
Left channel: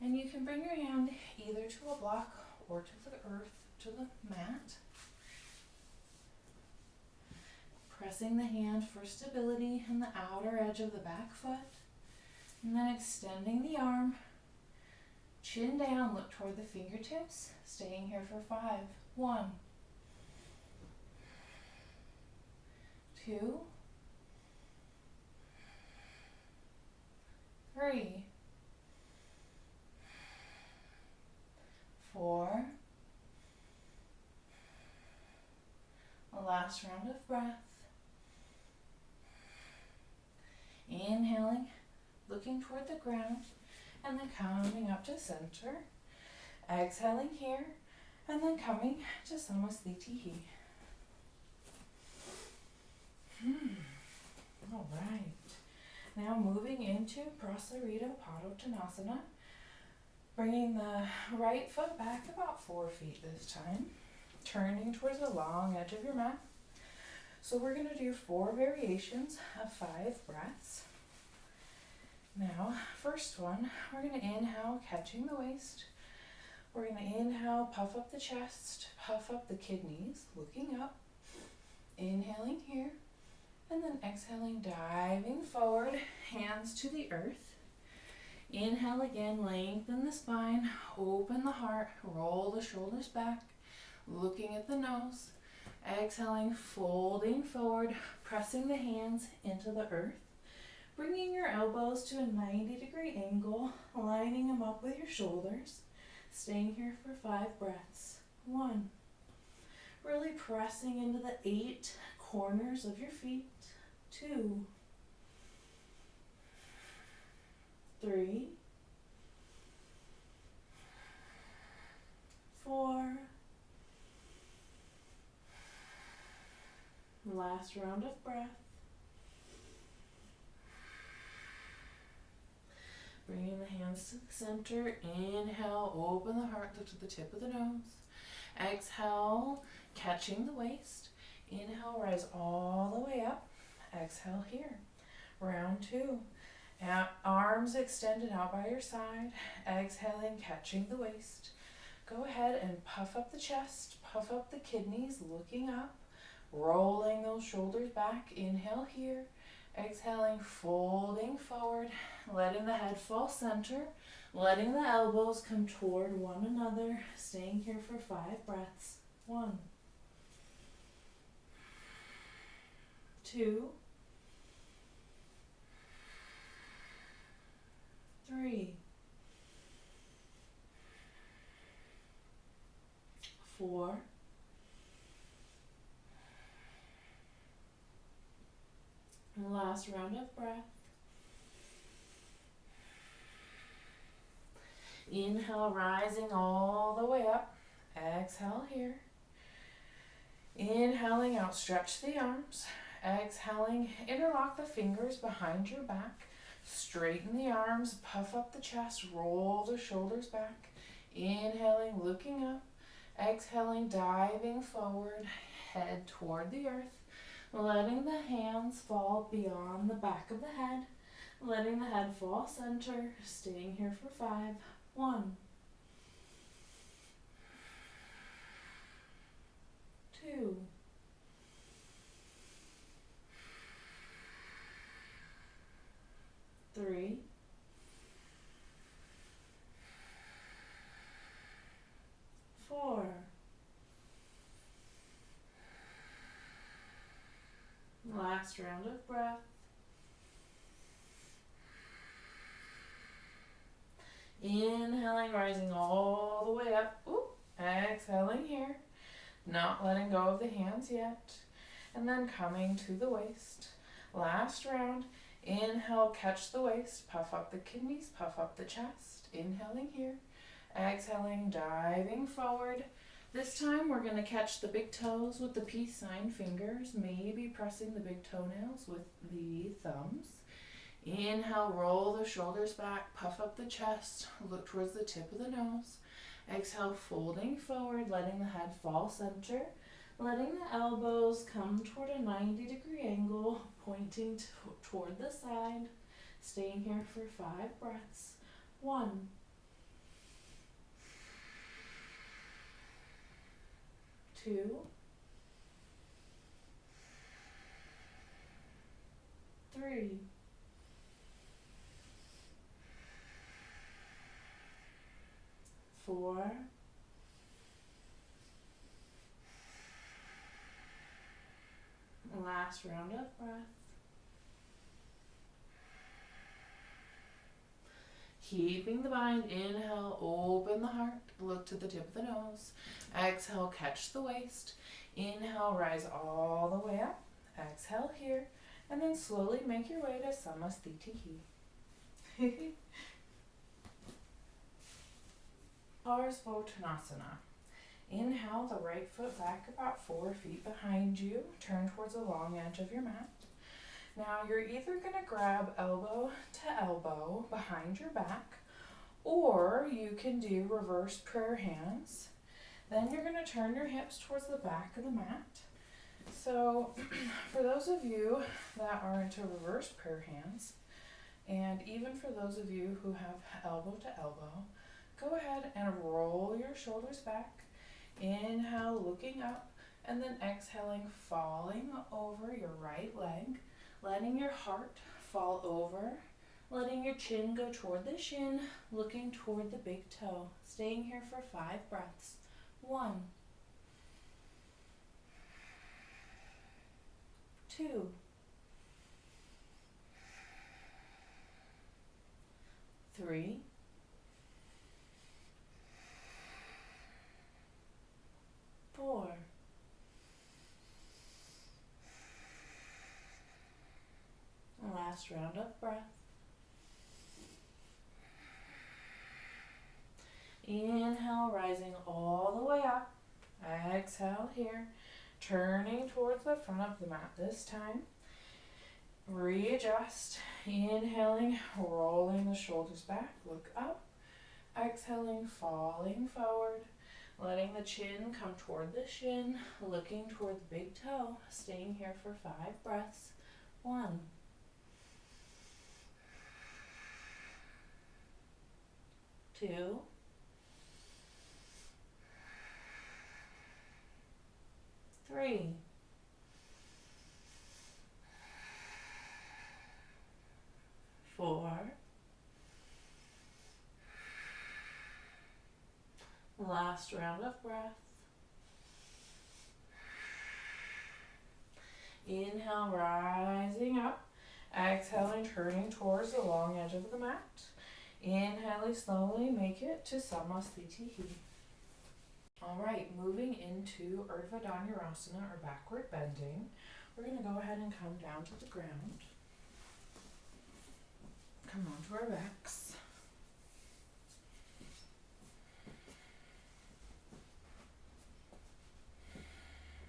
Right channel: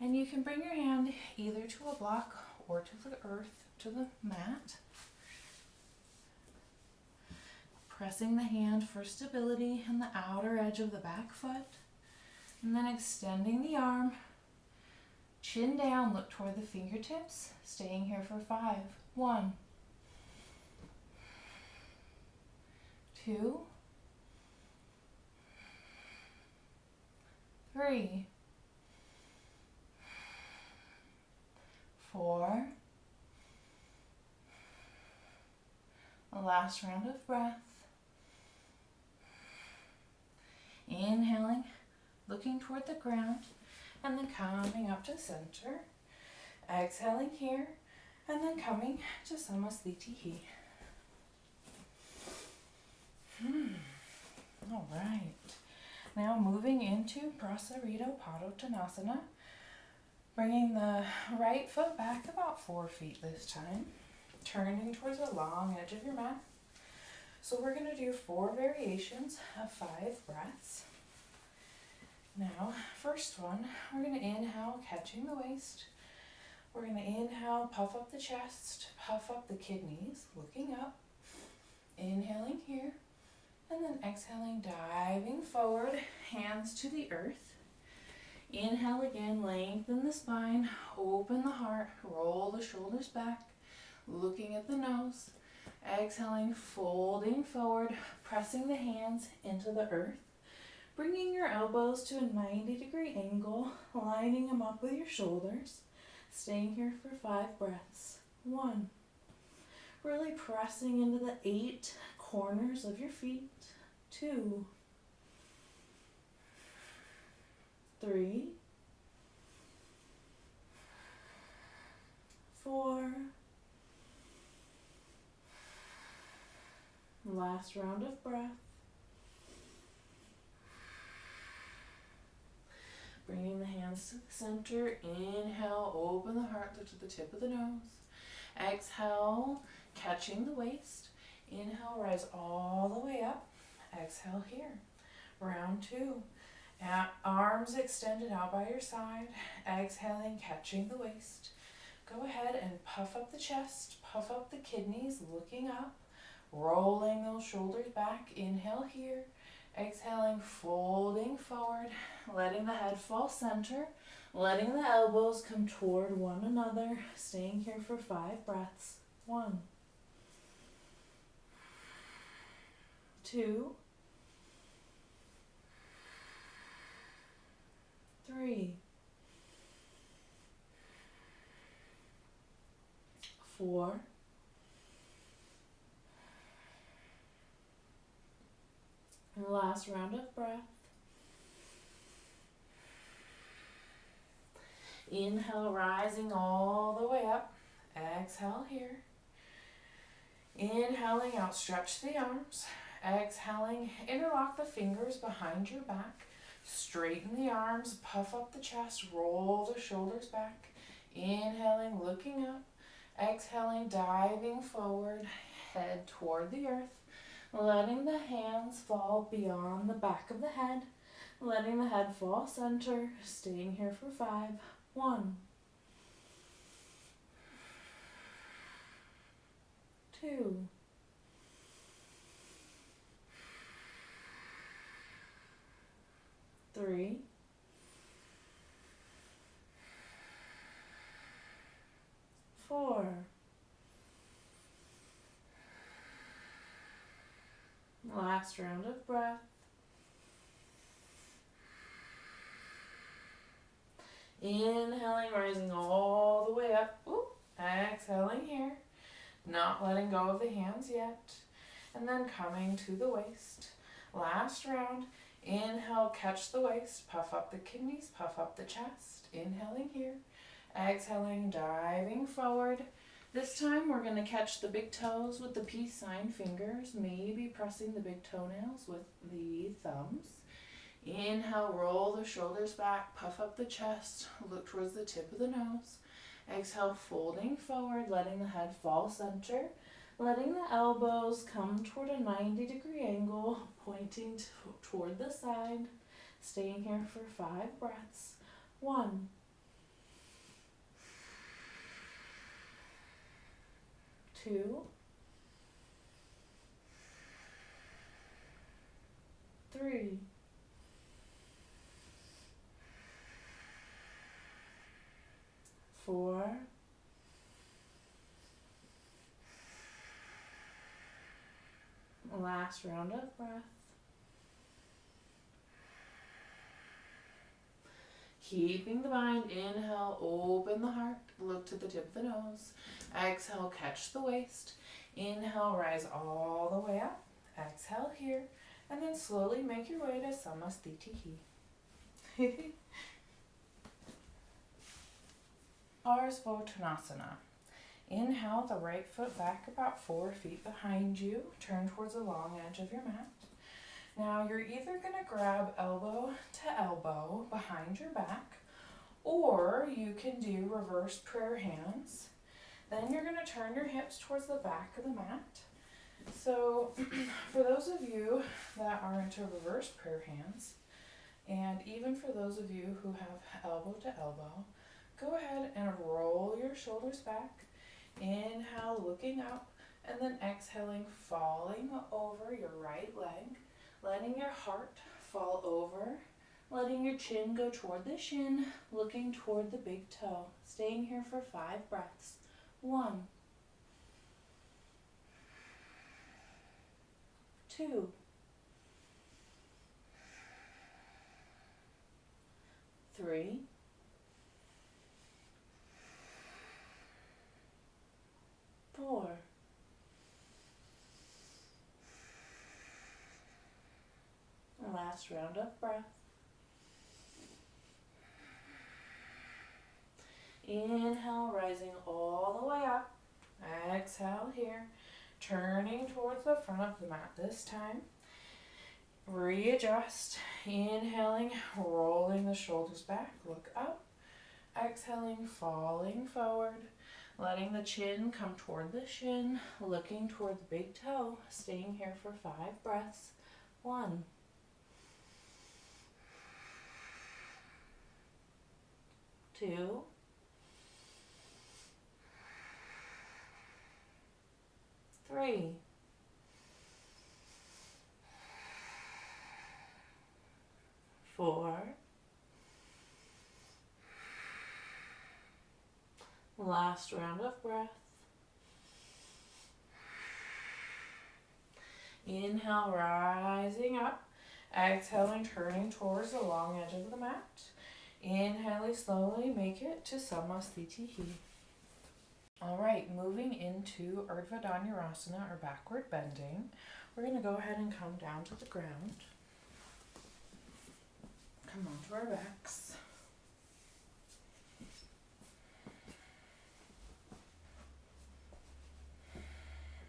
And you can bring your hand either to a block or to the earth, to the mat. Pressing the hand for stability on the outer edge of the back foot. And then extending the arm. Chin down, look toward the fingertips. Staying here for 5. 1, 2, 3, 4. A last round of breath. Inhaling, looking toward the ground, and then coming up to center. Exhaling here, and then coming to Samasthiti. All right. Now moving into Prasarita Padottanasana. Bringing the right foot back about 4 feet this time. Turning towards the long edge of your mat. So we're going to do 4 variations of 5 breaths. Now, first one, we're going to inhale, catching the waist. We're going to inhale, puff up the chest, puff up the kidneys, looking up. Inhaling here. And then exhaling, diving forward, hands to the earth. Inhale again, lengthen the spine, open the heart, roll the shoulders back, looking at the nose. Exhaling, folding forward, pressing the hands into the earth. Bringing your elbows to a 90-degree angle, lining them up with your shoulders. Staying here for 5 breaths. 1. Really pressing into the 8 corners of your feet. 2. 3. 4. Last round of breath. Bringing the hands to the center. Inhale, open the heart, look to the tip of the nose. Exhale, catching the waist. Inhale, rise all the way up. Exhale here. Round 2. Arms extended out by your side. Exhaling, catching the waist. Go ahead and puff up the chest, puff up the kidneys, looking up. Rolling those shoulders back. Inhale here. Exhaling, folding forward, letting the head fall center, letting the elbows come toward one another, staying here for 5 breaths. 1. 2. 3. 4. And last round of breath. Inhale, rising all the way up. Exhale here. Inhaling out, stretch the arms. Exhaling, interlock the fingers behind your back. Straighten the arms, puff up the chest, roll the shoulders back. Inhaling, looking up. Exhaling, diving forward, head toward the earth. Letting the hands fall beyond the back of the head. Letting the head fall center. Staying here for 5. 1. 2. 3. 4. Last round of breath. Inhaling, rising all the way up. Exhaling here. Not letting go of the hands yet. And then coming to the waist. Last round. Inhale, catch the waist. Puff up the kidneys, puff up the chest. Inhaling here. Exhaling, diving forward. This time we're going to catch the big toes with the peace sign fingers, maybe pressing the big toenails with the thumbs. Inhale, roll the shoulders back, puff up the chest, look towards the tip of the nose. Exhale, folding forward, letting the head fall center, letting the elbows come toward a 90-degree angle, pointing toward the side. Staying here for 5 breaths. 1. 2. 3. 4. 5. Last round of breath. Keeping the bind. Inhale, open the heart, look to the tip of the nose. Exhale, catch the waist. Inhale, rise all the way up. Exhale here, and then slowly make your way to Samasthiti. Ardhva. Inhale the right foot back about 4 feet behind you. Turn towards the long edge of your mat. Now you're either going to grab elbow to elbow behind your back, or you can do reverse prayer hands. Then you're going to turn your hips towards the back of the mat. So for those of you that are into reverse prayer hands, and even for those of you who have elbow to elbow, go ahead and roll your shoulders back. Inhale, looking up. And then exhaling, falling over your right leg, letting your heart fall over, letting your chin go toward the shin, looking toward the big toe. Staying here for 5 breaths. 1, 2, 3, 4, last round of breath. Inhale, rising all the way up. Exhale here, turning towards the front of the mat this time. Readjust, inhaling, rolling the shoulders back, look up. Exhaling, falling forward, letting the chin come toward the shin, looking toward the big toe, staying here for 5 breaths. 1, 2, 3, 4, last round of breath. Inhale, rising up. Exhaling, turning towards the long edge of the mat. Inhaling, slowly make it to Samasthiti. All right, moving into Urdhva Dhanurasana, or backward bending. We're going to go ahead and come down to the ground. Come onto our backs.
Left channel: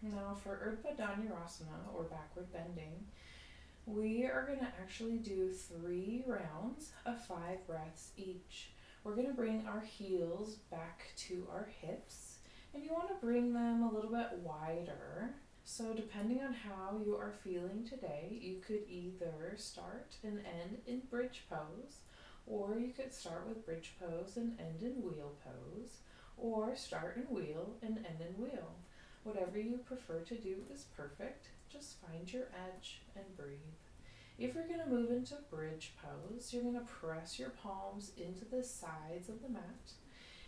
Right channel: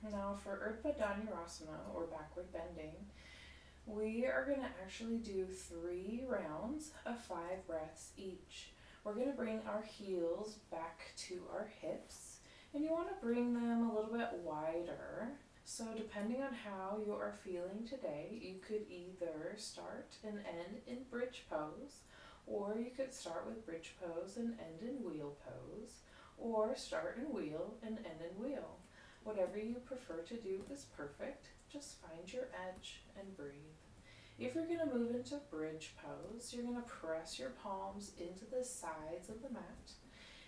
Now for Urdhva Dhanurasana, or backward bending, we are going to actually do 3 rounds of 5 breaths each. We're going to bring our heels back to our hips, and you want to bring them a little bit wider. So depending on how you are feeling today, you could either start and end in bridge pose, or you could start with bridge pose and end in wheel pose, or start in wheel and end in wheel. Whatever you prefer to do is perfect. Just find your edge and breathe. If you're going to move into bridge pose, you're going to press your palms into the sides of the mat.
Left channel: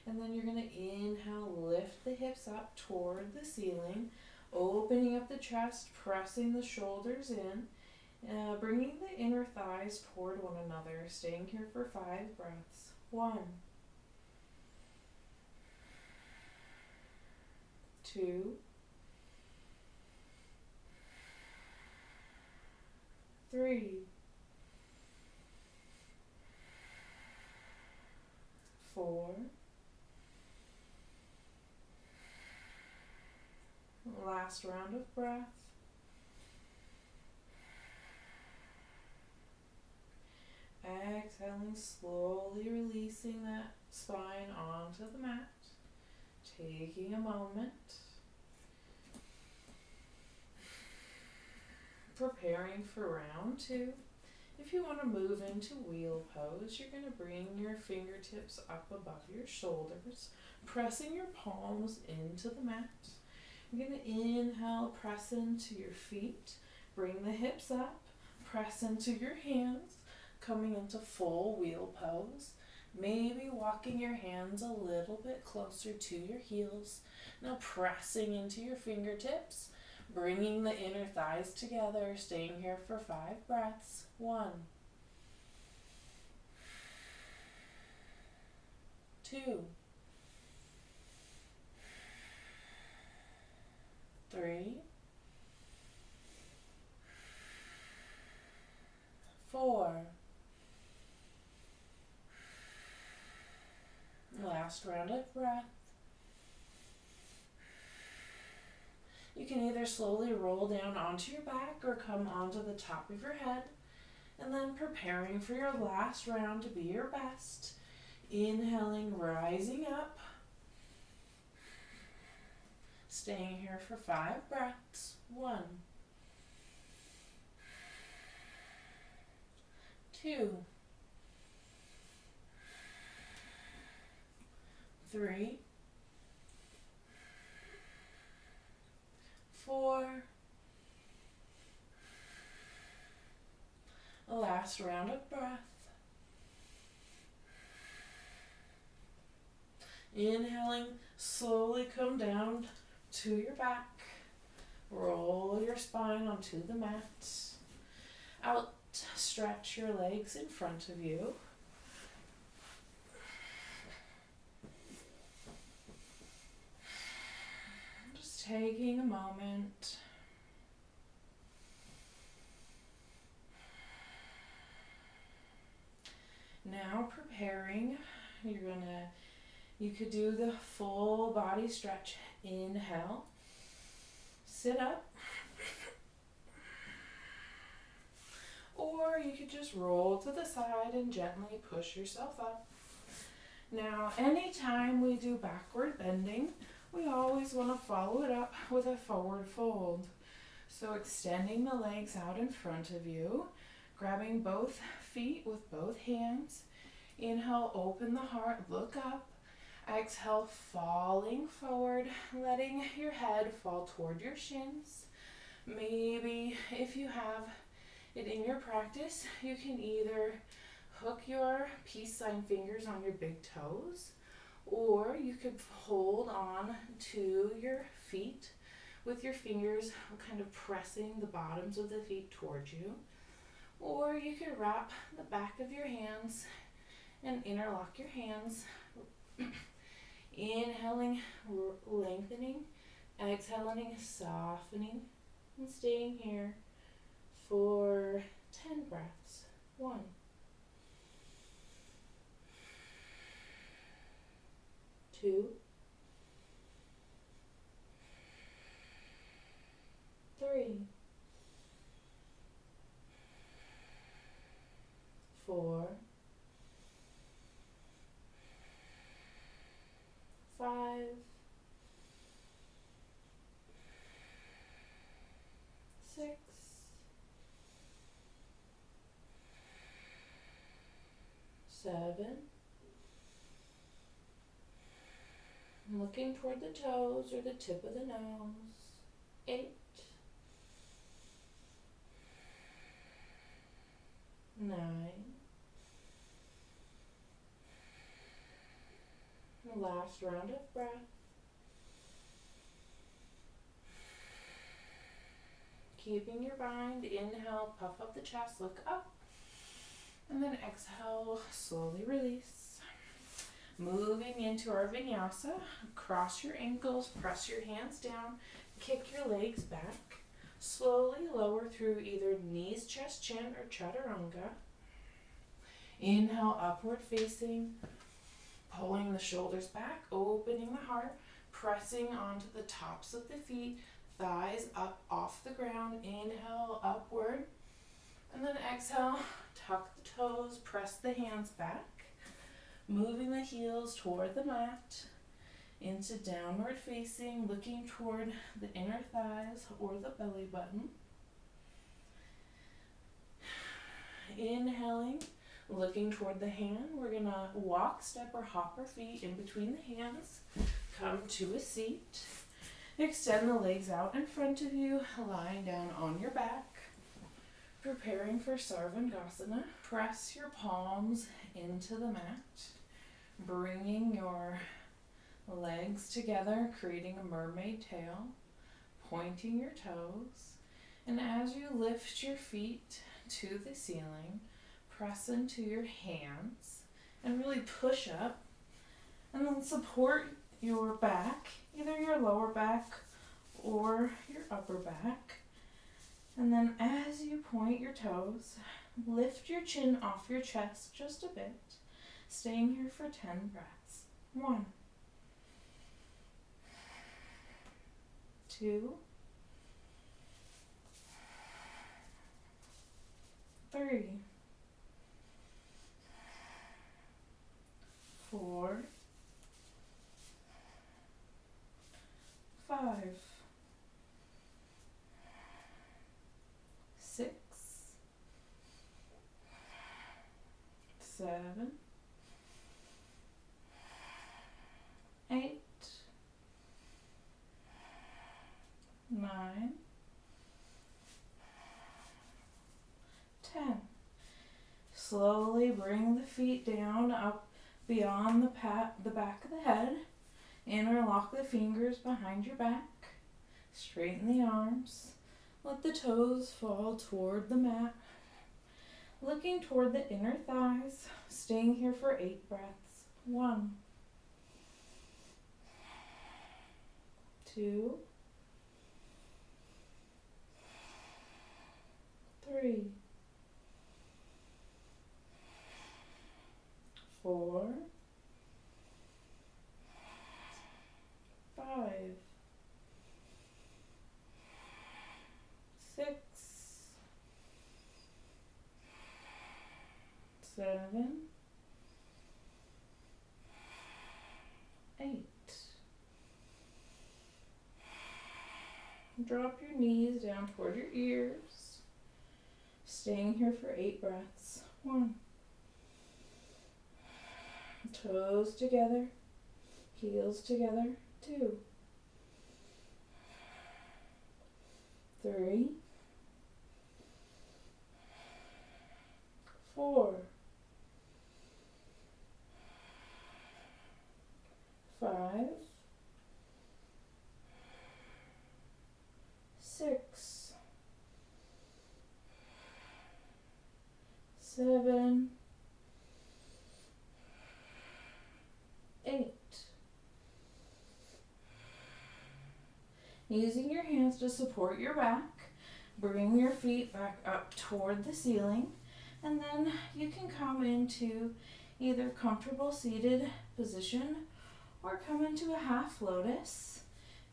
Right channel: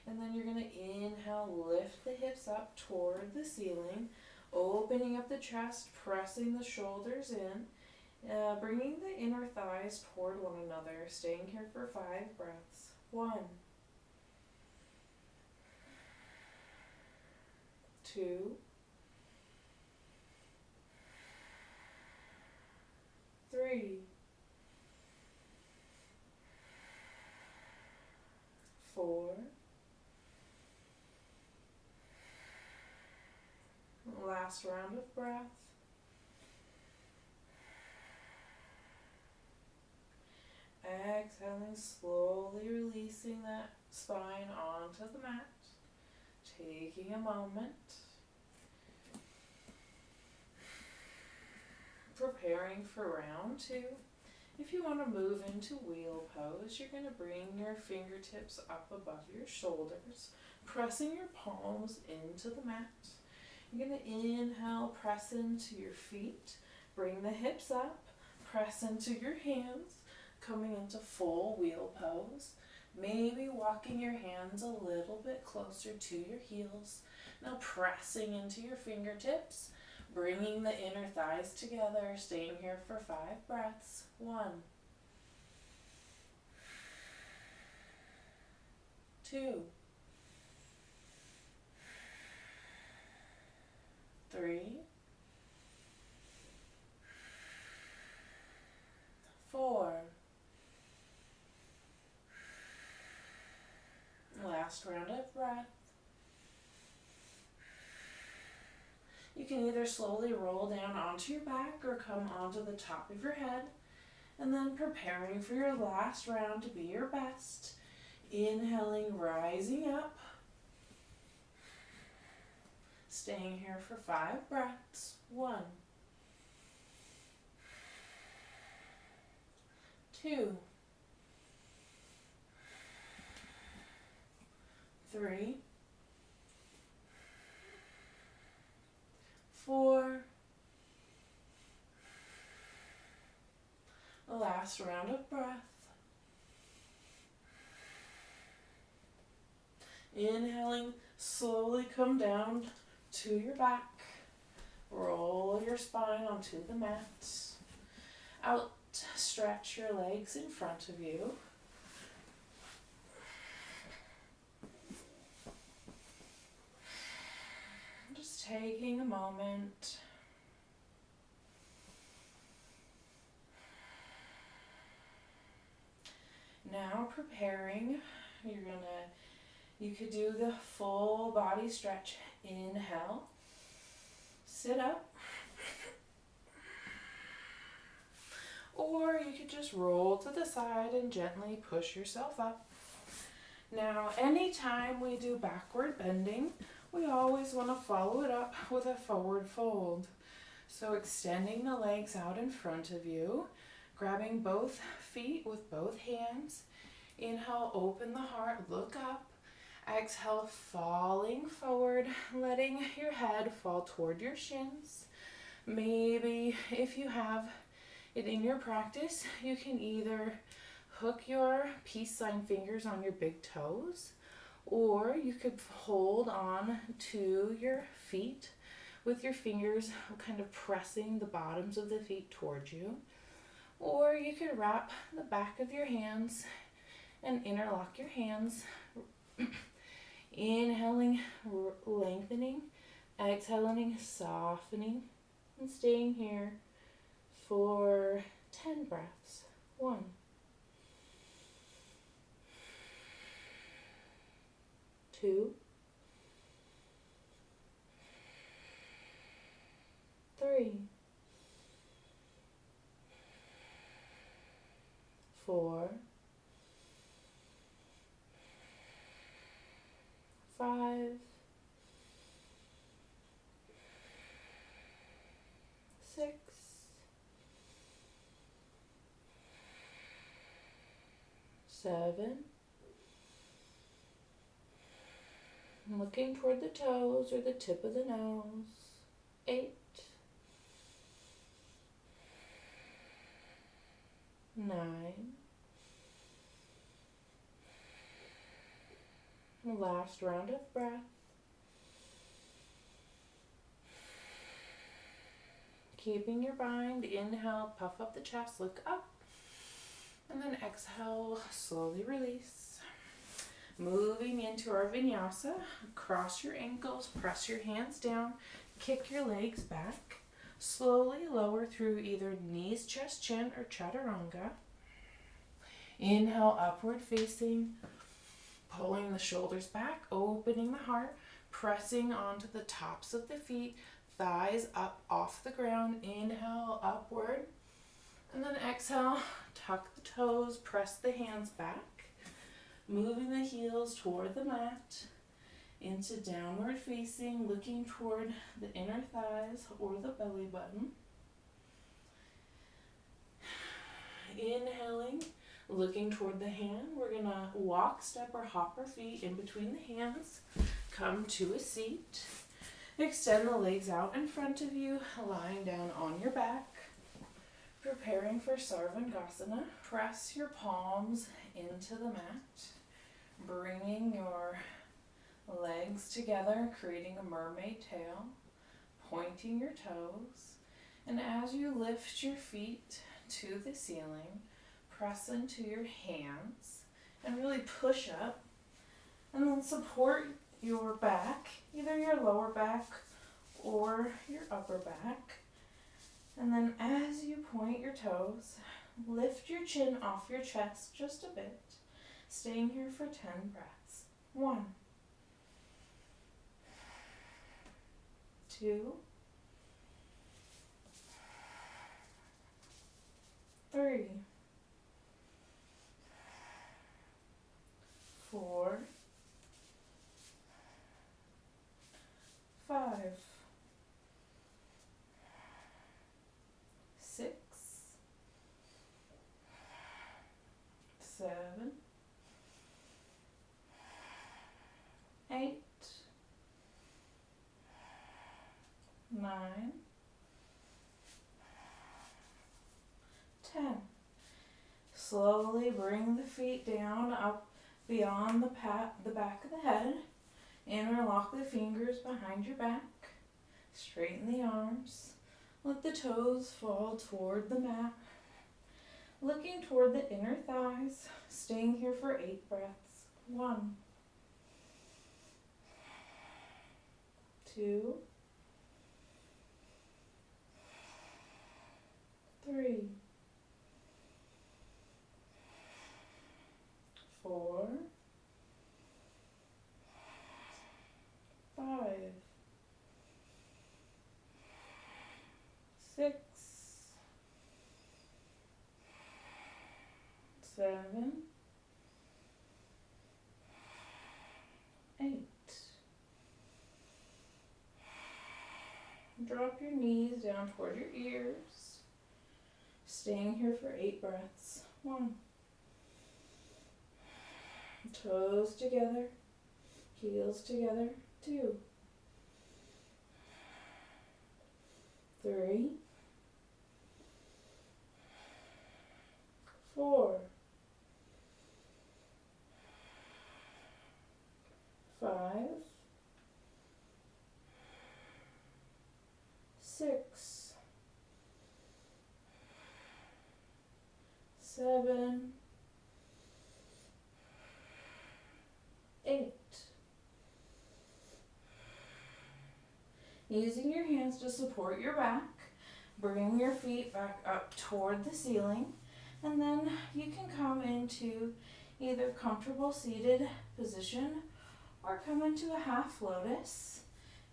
And then you're going to inhale, lift the hips up toward the ceiling, opening up the chest, pressing the shoulders in, bringing the inner thighs toward one another, staying here for 5 breaths. 1, 2, 3, 4, last round of breath. Exhaling, slowly releasing that spine onto the mat. Taking a moment. Preparing for round 2. If you want to move into wheel pose, you're going to bring your fingertips up above your shoulders, pressing your palms into the mat. You're going to inhale, press into your feet, bring the hips up, press into your hands, coming into full wheel pose. Maybe walking your hands a little bit closer to your heels. Now pressing into your fingertips, bringing the inner thighs together, staying here for 5 breaths. 1, 2, 3, 4, last round of breath. You can either slowly roll down onto your back or come onto the top of your head, and then preparing for your last round to be your best. Inhaling, rising up, staying here for 5 breaths. 1, 2, 3, last round of breath. Inhaling, slowly come down to your back. Roll your spine onto the mat. Outstretch your legs in front of you. Just taking a moment. Now preparing, you could do the full body stretch. Inhale, sit up, or you could just roll to the side and gently push yourself up. Now, anytime we do backward bending, we always want to follow it up with a forward fold. So extending the legs out in front of you, grabbing both feet with both hands. Inhale, open the heart, look up. Exhale, falling forward, letting your head fall toward your shins. Maybe if you have it in your practice, you can either hook your peace sign fingers on your big toes, or you could hold on to your feet with your fingers kind of pressing the bottoms of the feet towards you. Or you could wrap the back of your hands and interlock your hands. Inhaling, lengthening, exhaling, softening, and staying here for 10 breaths. 1, 2, 3, 4, 5, 6, 7. Looking toward the toes or the tip of the nose. 8, 9. Last round of breath. Keeping your mind, inhale, puff up the chest, look up. And then exhale, slowly release. Moving into our vinyasa, cross your ankles, press your hands down, kick your legs back. Slowly lower through either knees, chest, chin, or chaturanga. Inhale, upward facing, pulling the shoulders back, opening the heart, pressing onto the tops of the feet, thighs up off the ground. Inhale, upward. And then exhale, tuck the toes, press the hands back. Moving the heels toward the mat, into downward facing, looking toward the inner thighs or the belly button. Inhaling, looking toward the hand. We're going to walk, step, or hop our feet in between the hands. Come to a seat. Extend the legs out in front of you, lying down on your back. Preparing for Sarvangasana. Press your palms into the mat. Bringing your legs together, creating a mermaid tail, pointing your toes, and as you lift your feet to the ceiling, press into your hands and really push up, and then support your back, either your lower back or your upper back. And then as you point your toes, lift your chin off your chest just a bit. Staying here for 10 breaths. 1, 2, 3, 4, 5, 6, 7, 8, 9, 10. Slowly bring the feet down up beyond the back of the head. Interlock the fingers behind your back. Straighten the arms. Let the toes fall toward the mat. Looking toward the inner thighs. Staying here for 8 breaths. 1, 2, 3, 4, 5, 6, 7, 8. Drop your knees down toward your ears. Staying here for 8 breaths. 1. Toes together. Heels together. 2. 3. 4. 5. 6. 7. 8. Using your hands to support your back, bring your feet back up toward the ceiling, and then you can come into either comfortable seated position or come into a half lotus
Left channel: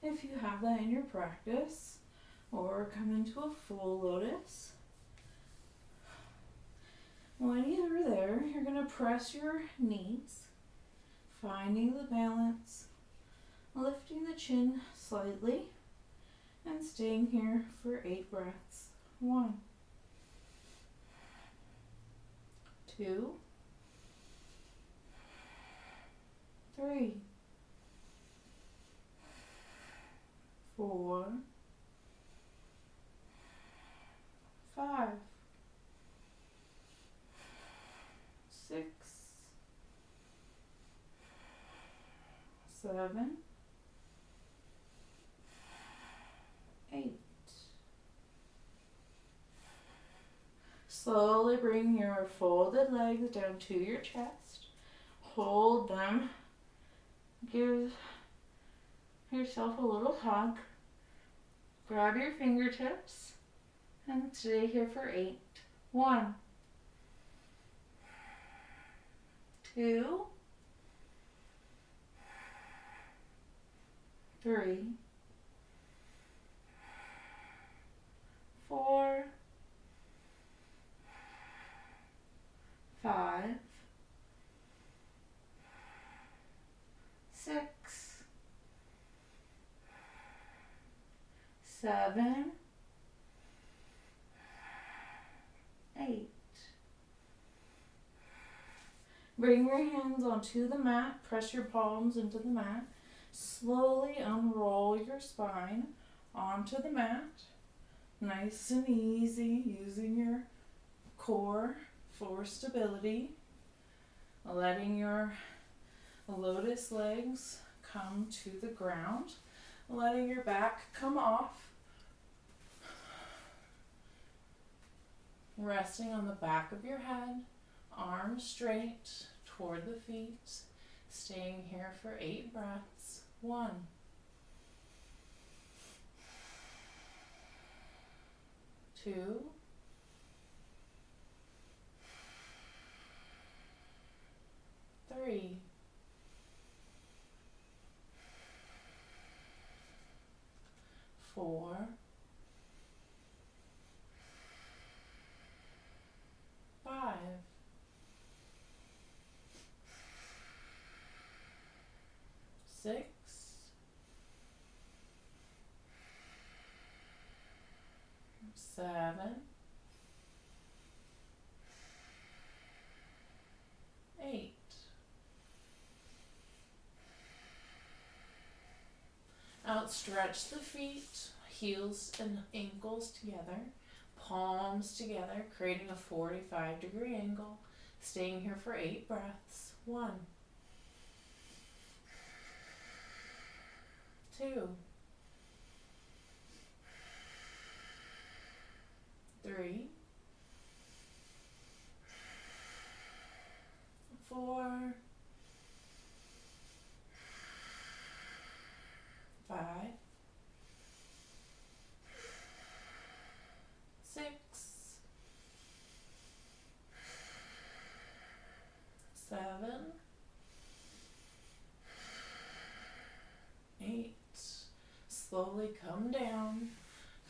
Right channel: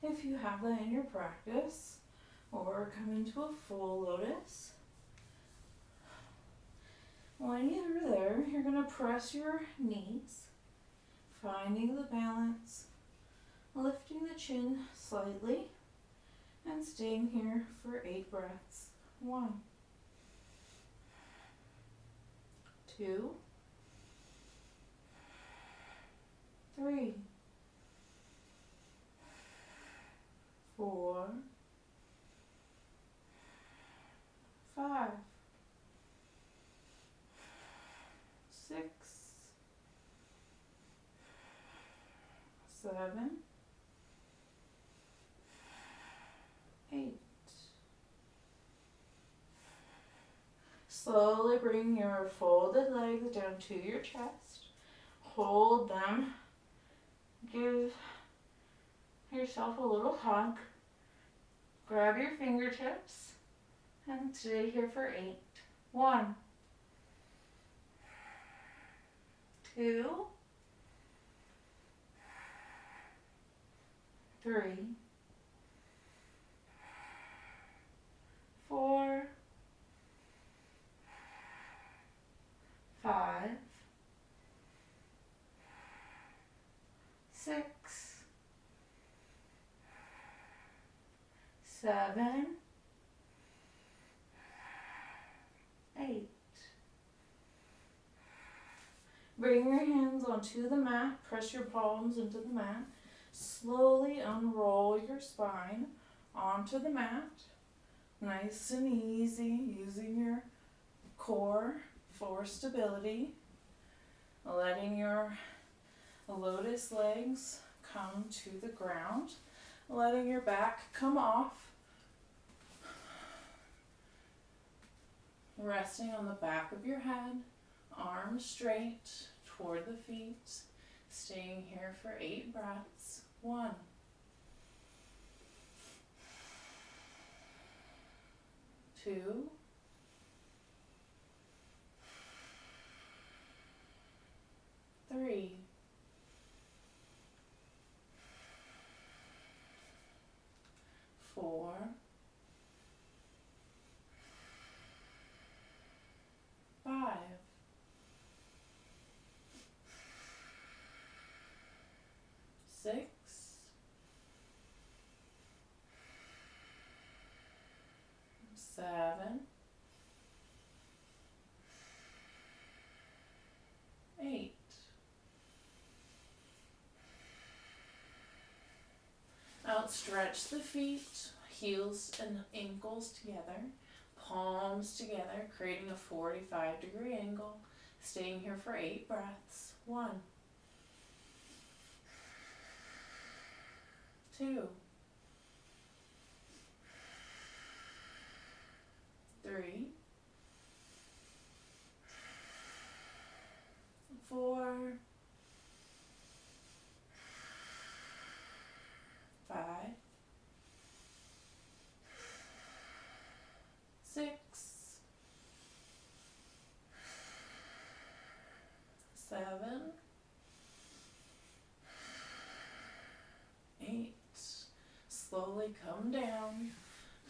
if you have that in your practice, or come into a full lotus. When you're there, you're going to press your knees, finding the balance, lifting the chin slightly, and staying here for 8 breaths. 1, 2, 3, 4, 5, 6, 7, 8. Slowly bring your folded legs down to your chest. Hold them. Give yourself a little hug. Grab your fingertips and stay here for 8. 1, 2, 3, 4, 5, 6, 7, 8. Bring your hands onto the mat. Press your palms into the mat. Slowly unroll your spine onto the mat. Nice and easy, using your core for stability. Letting your lotus legs come to the ground. Letting your back come off. Resting on the back of your head. Arms straight toward the feet. Staying here for 8 breaths. 1, 2, 3, 4, 5, 6, 7, 8. Outstretch the feet, heels and ankles together, palms together, creating a 45-degree angle. Staying here for 8 breaths. 1, 2, 3, 4, 5, 6, 7, 8. Slowly come down.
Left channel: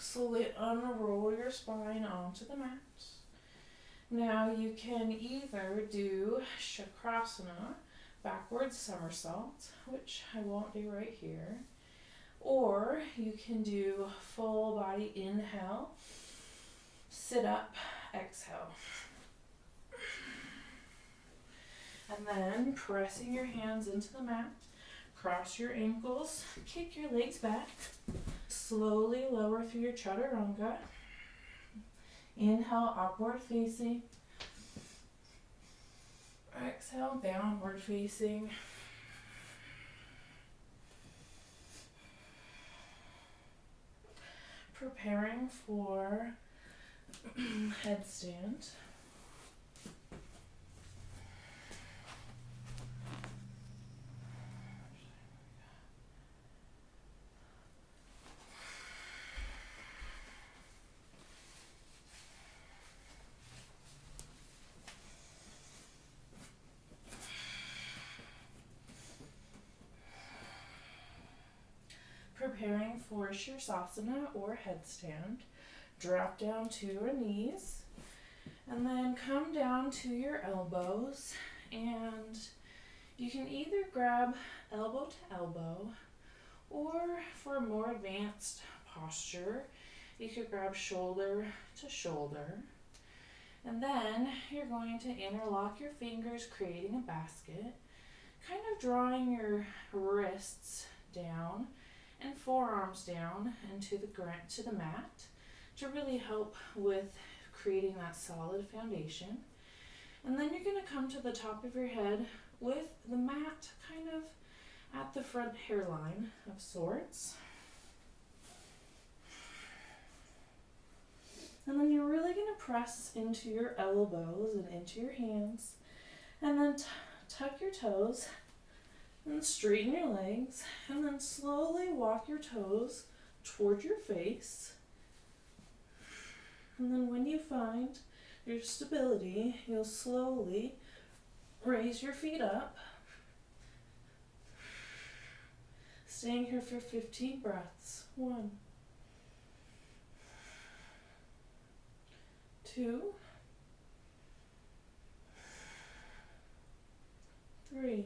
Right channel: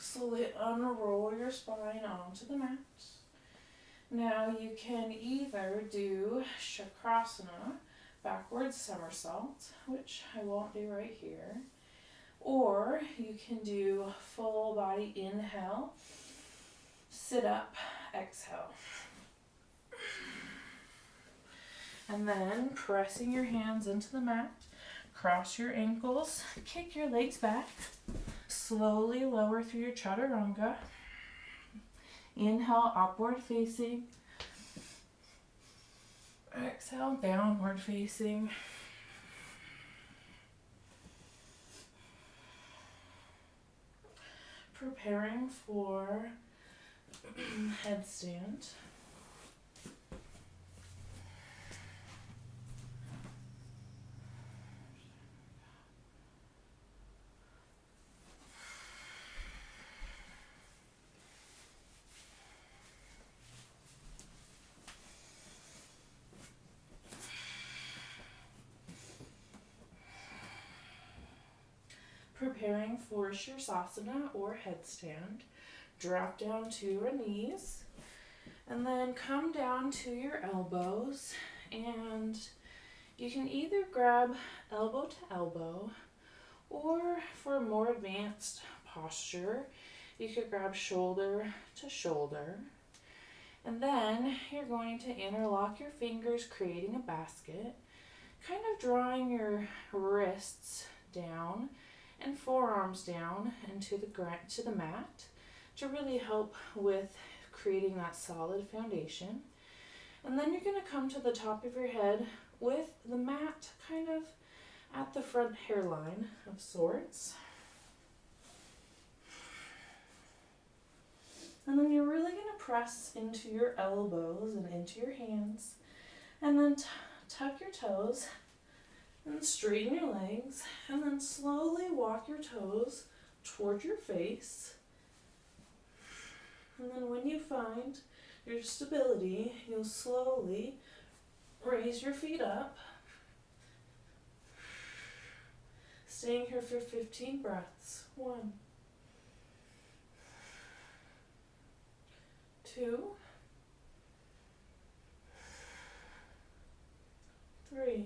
Slowly unroll your spine onto the mat. Now you can either do Chakrasana, backwards somersault, which I won't do right here, or you can do full body inhale, sit up, exhale. And then pressing your hands into the mat, cross your ankles, kick your legs back, slowly lower through your chaturanga. Inhale, upward facing. Exhale, downward facing. Preparing for headstand. Preparing for Shirsasana or headstand. Drop down to your knees and then come down to your elbows, and you can either grab elbow to elbow, or for a more advanced posture, you could grab shoulder to shoulder. And then you're going to interlock your fingers, creating a basket, kind of drawing your wrists down and forearms down into the mat to really help with creating that solid foundation. And then you're going to come to the top of your head with the mat kind of at the front hairline of sorts. And then you're really going to press into your elbows and into your hands, and then tuck your toes and straighten your legs, and then slowly walk your toes toward your face. And then when you find your stability, you'll slowly raise your feet up. Staying here for 15 breaths. 1, 2, 3,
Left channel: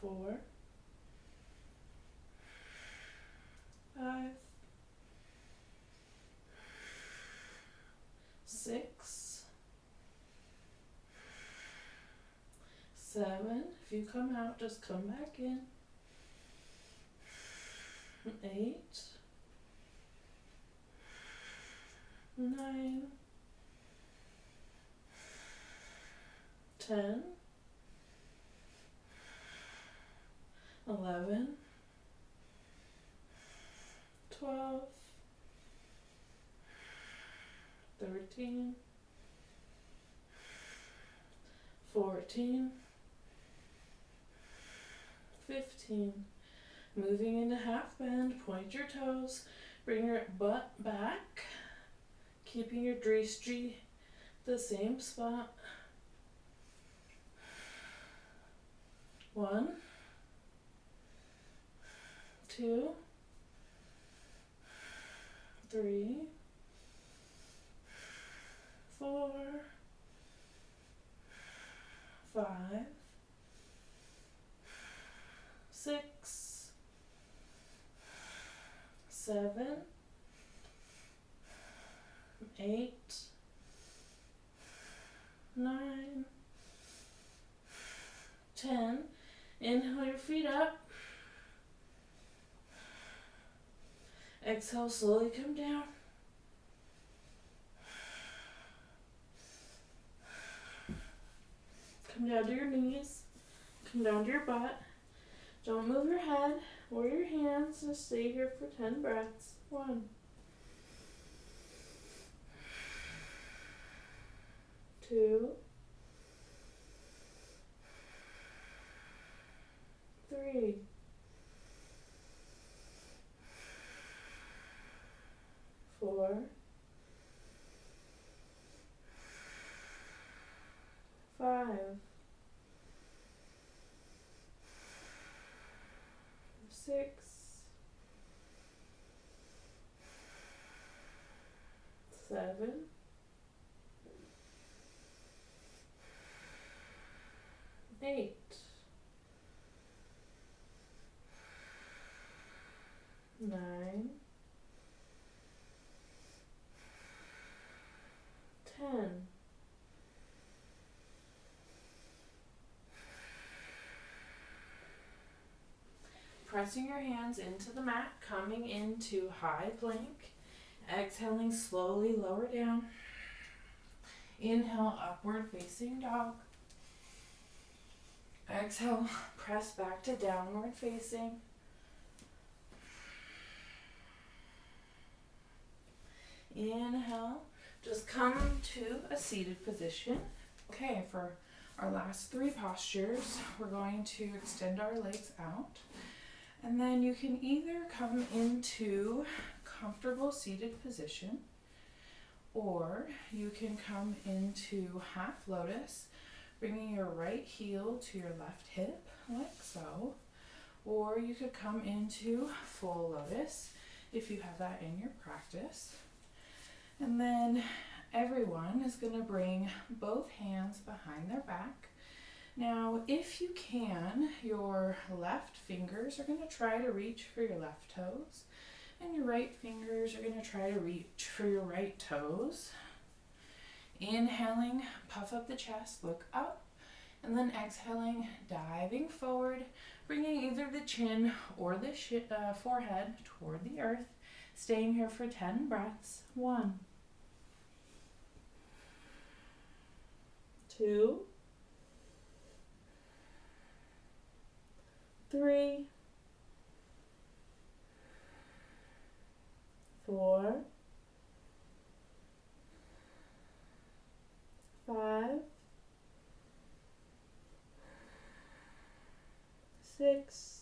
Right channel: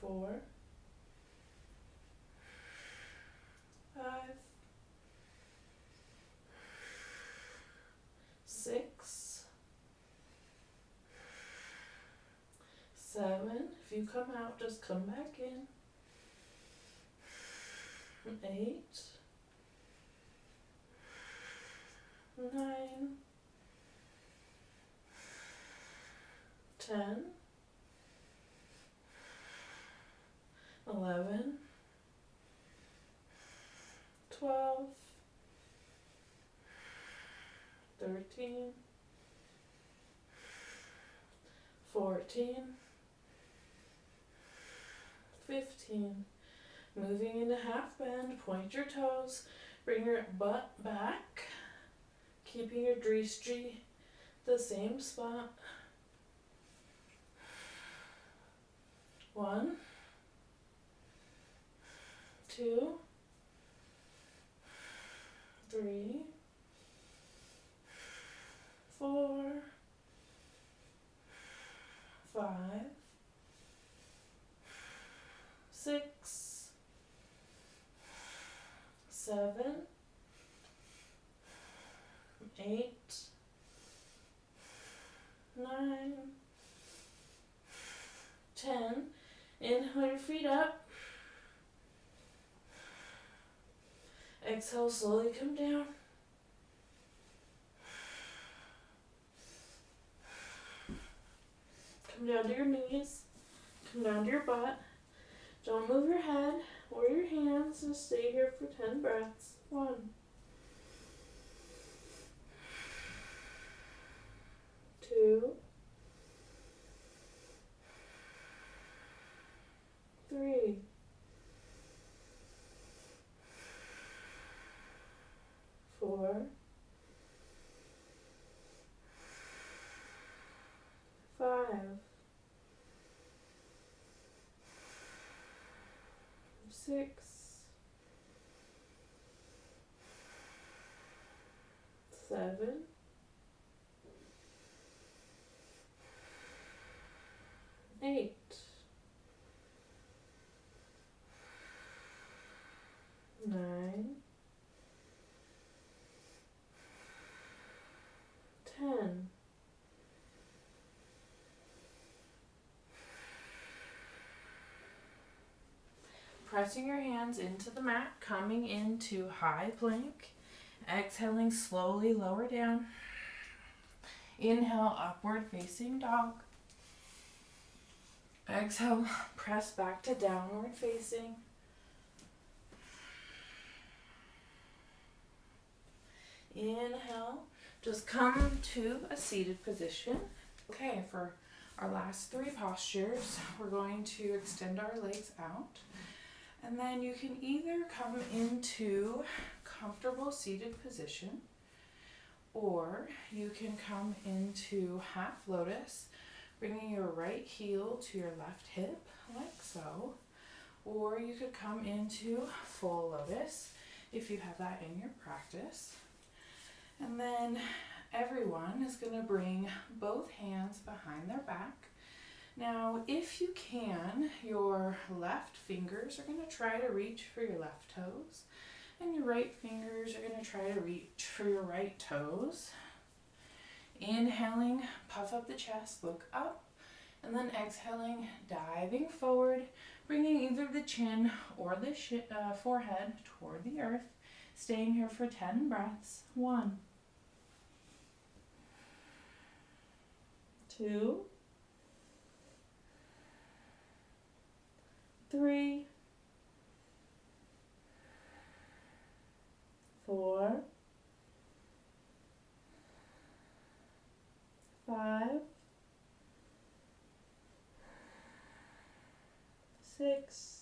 4, 5, 6, 7. If you come out, just come back in. 8, 9, 10, 11, 12, 13, 14, 15. Moving into half bend, point your toes, bring your butt back, keeping your drishti the same spot. 1, 2, 3, 4, 5, 6, 7, 8, 9, 10. Inhale your feet up. Exhale, slowly come down. Come down to your knees. Come down to your butt. Don't move your head or your hands. Just stay here for 10 breaths. 1, 2, 3, 4, 5, 6, 7, 8, 9, 10. Pressing your hands into the mat, coming into high plank. Exhaling, slowly lower down. Inhale, upward facing dog. Exhale, press back to downward facing. Inhale, just come to a seated position. Okay, for our last 3 postures, we're going to extend our legs out. And then you can either come into comfortable seated position, or you can come into half lotus, bringing your right heel to your left hip, like so. Or you could come into full lotus if you have that in your practice. And then everyone is going to bring both hands behind their back. Now, if you can, your left fingers are going to try to reach for your left toes, and your right fingers are going to try to reach for your right toes. Inhaling, puff up the chest, look up, and then exhaling, diving forward, bringing either the chin or the forehead toward the earth, staying here for 10 breaths. 1, 2, 3, 4, 5, 6,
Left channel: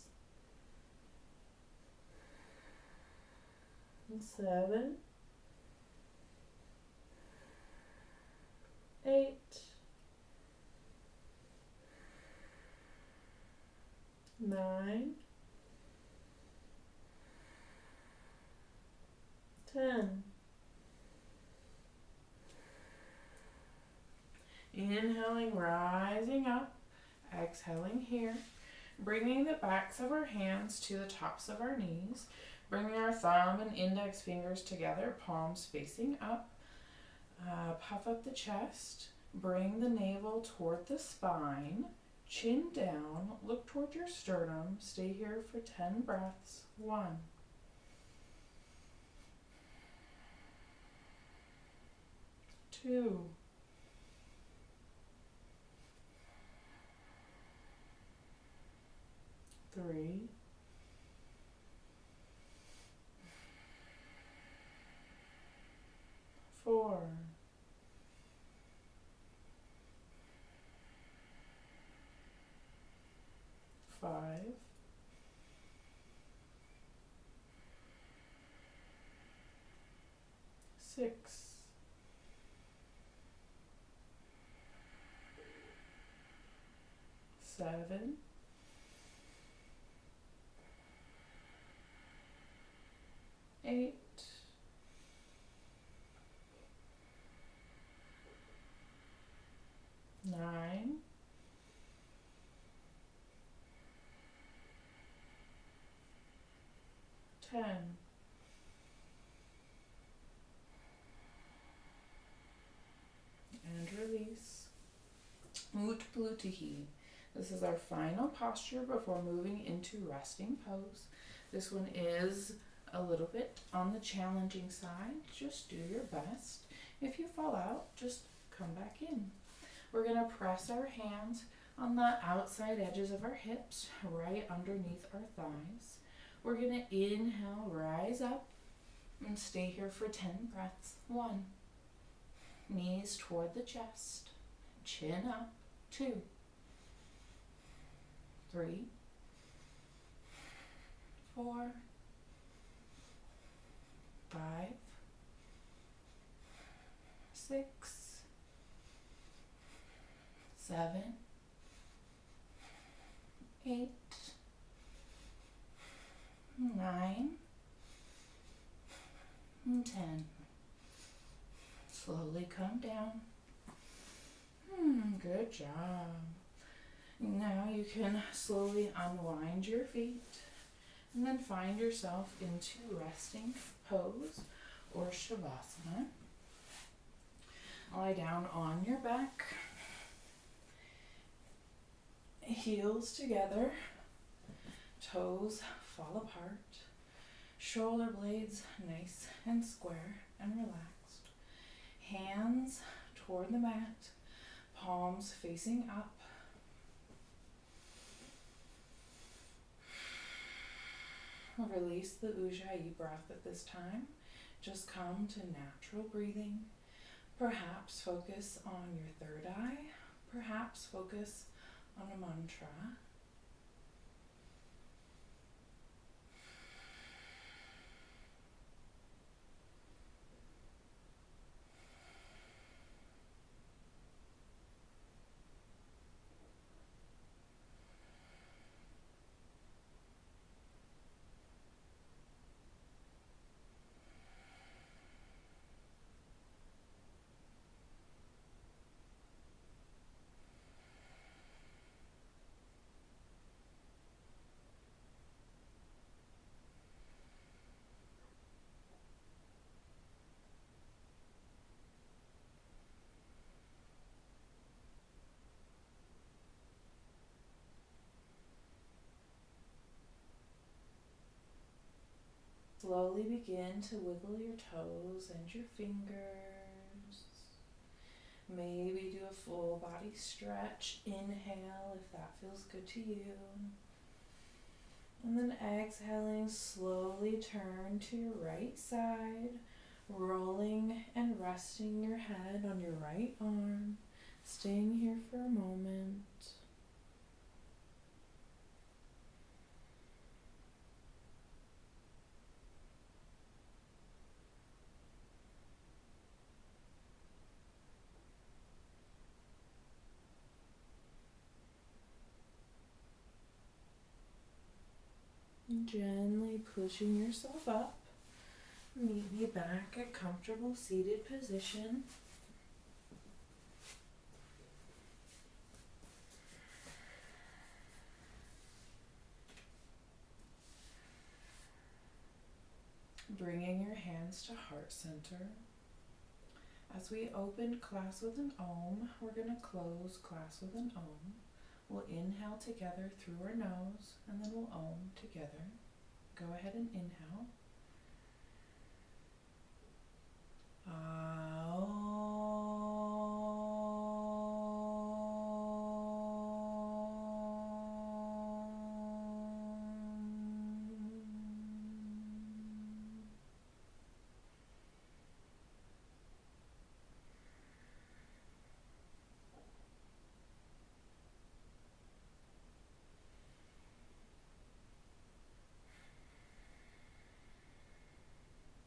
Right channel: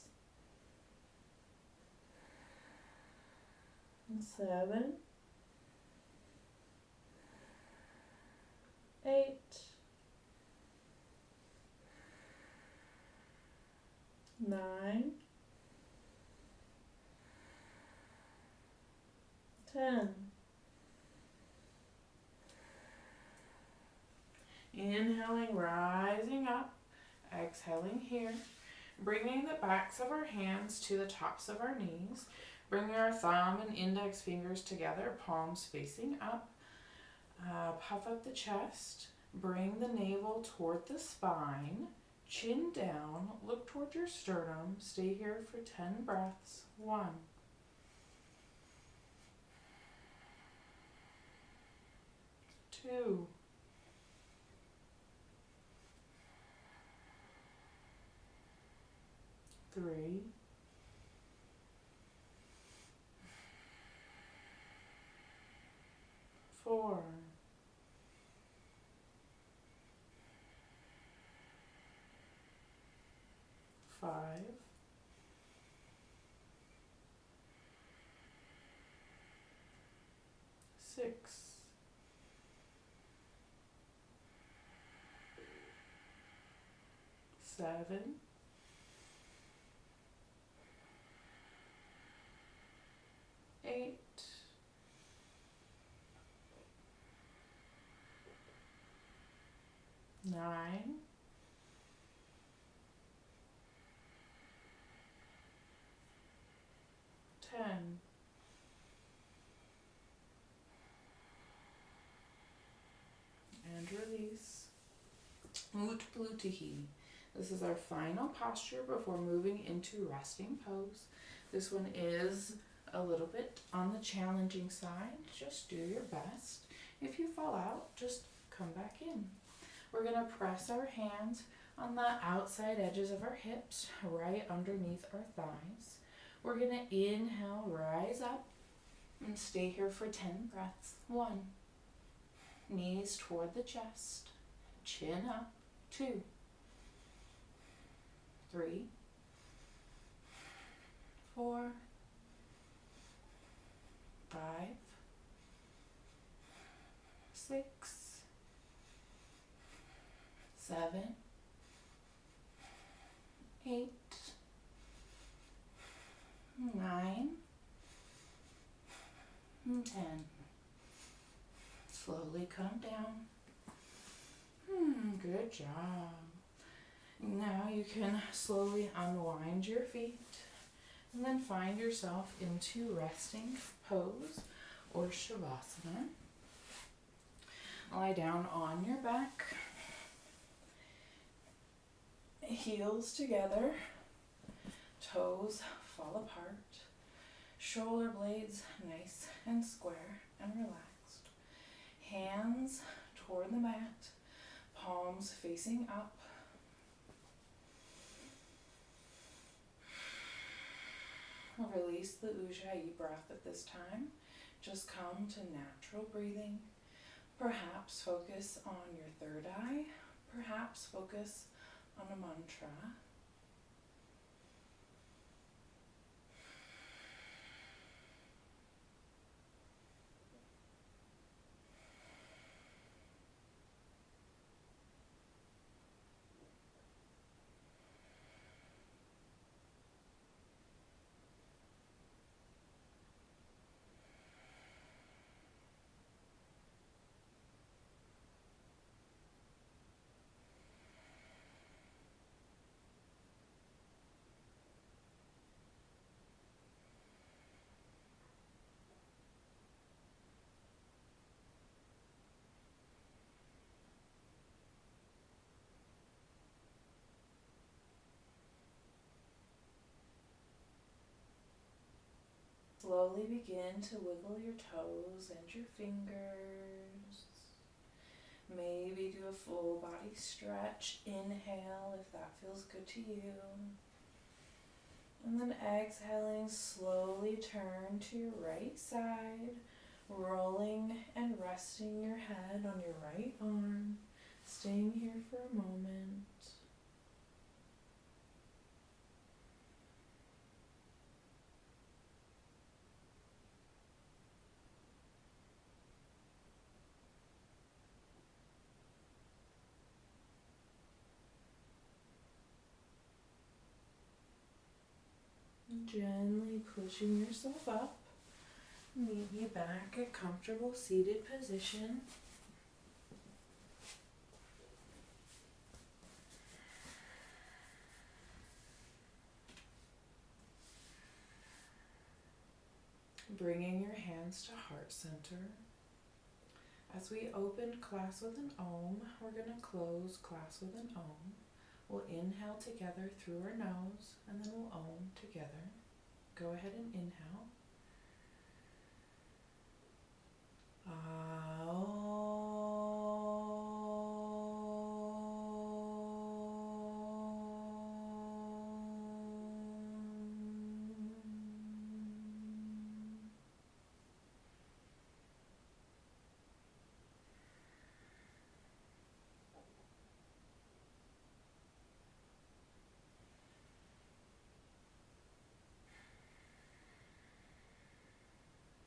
7, 8, 9, 10. Inhaling, rising up. Exhaling here. Bringing the backs of our hands to the tops of our knees. Bringing our thumb and index fingers together, palms facing up. Puff up the chest. Bring the navel toward the spine. Chin down. Look toward your sternum. Stay here for 10 breaths. 1, 2, 3, 4, 5, 6, 7, 8, 9, 10. And release. Utplutihi. This is our final posture before moving into resting pose. This one is a little bit on the challenging side. Just do your best. If you fall out, just come back in. We're going to press our hands on the outside edges of our hips, right underneath our thighs. We're going to inhale, rise up, and stay here for 10 breaths. 1. Knees toward the chest, chin up. 2. 3. 4. 5. 6. 7. 8. 9. And 10. Slowly come down. Good job. Now you can slowly unwind your feet and then find yourself into resting pose or shavasana. Lie down on your back, heels together, toes fall apart, shoulder blades nice and square and relaxed, hands toward the mat, palms facing up. Release the Ujjayi breath at this time. Just come to natural breathing. Perhaps focus on your third eye. Perhaps focus on a mantra. Slowly begin to wiggle your toes and your fingers. Maybe do a full body stretch. Inhale if that feels good to you. And then exhaling, slowly turn to your right side, rolling and resting your head on your right arm. Staying here for a moment. Gently pushing yourself up, maybe back at comfortable seated position. Bringing your hands to heart center. As we opened class with an Om, we're going to close class with an Om. We'll inhale together through our nose, and then we'll Om together. Go ahead and inhale.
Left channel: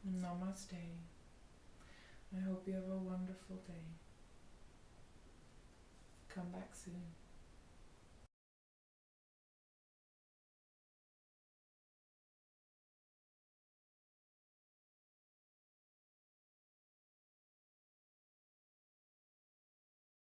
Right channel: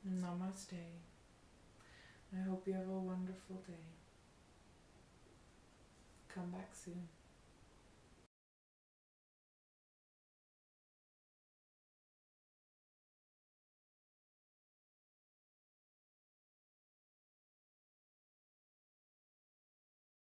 Namaste. I hope you have a wonderful day. Come back soon.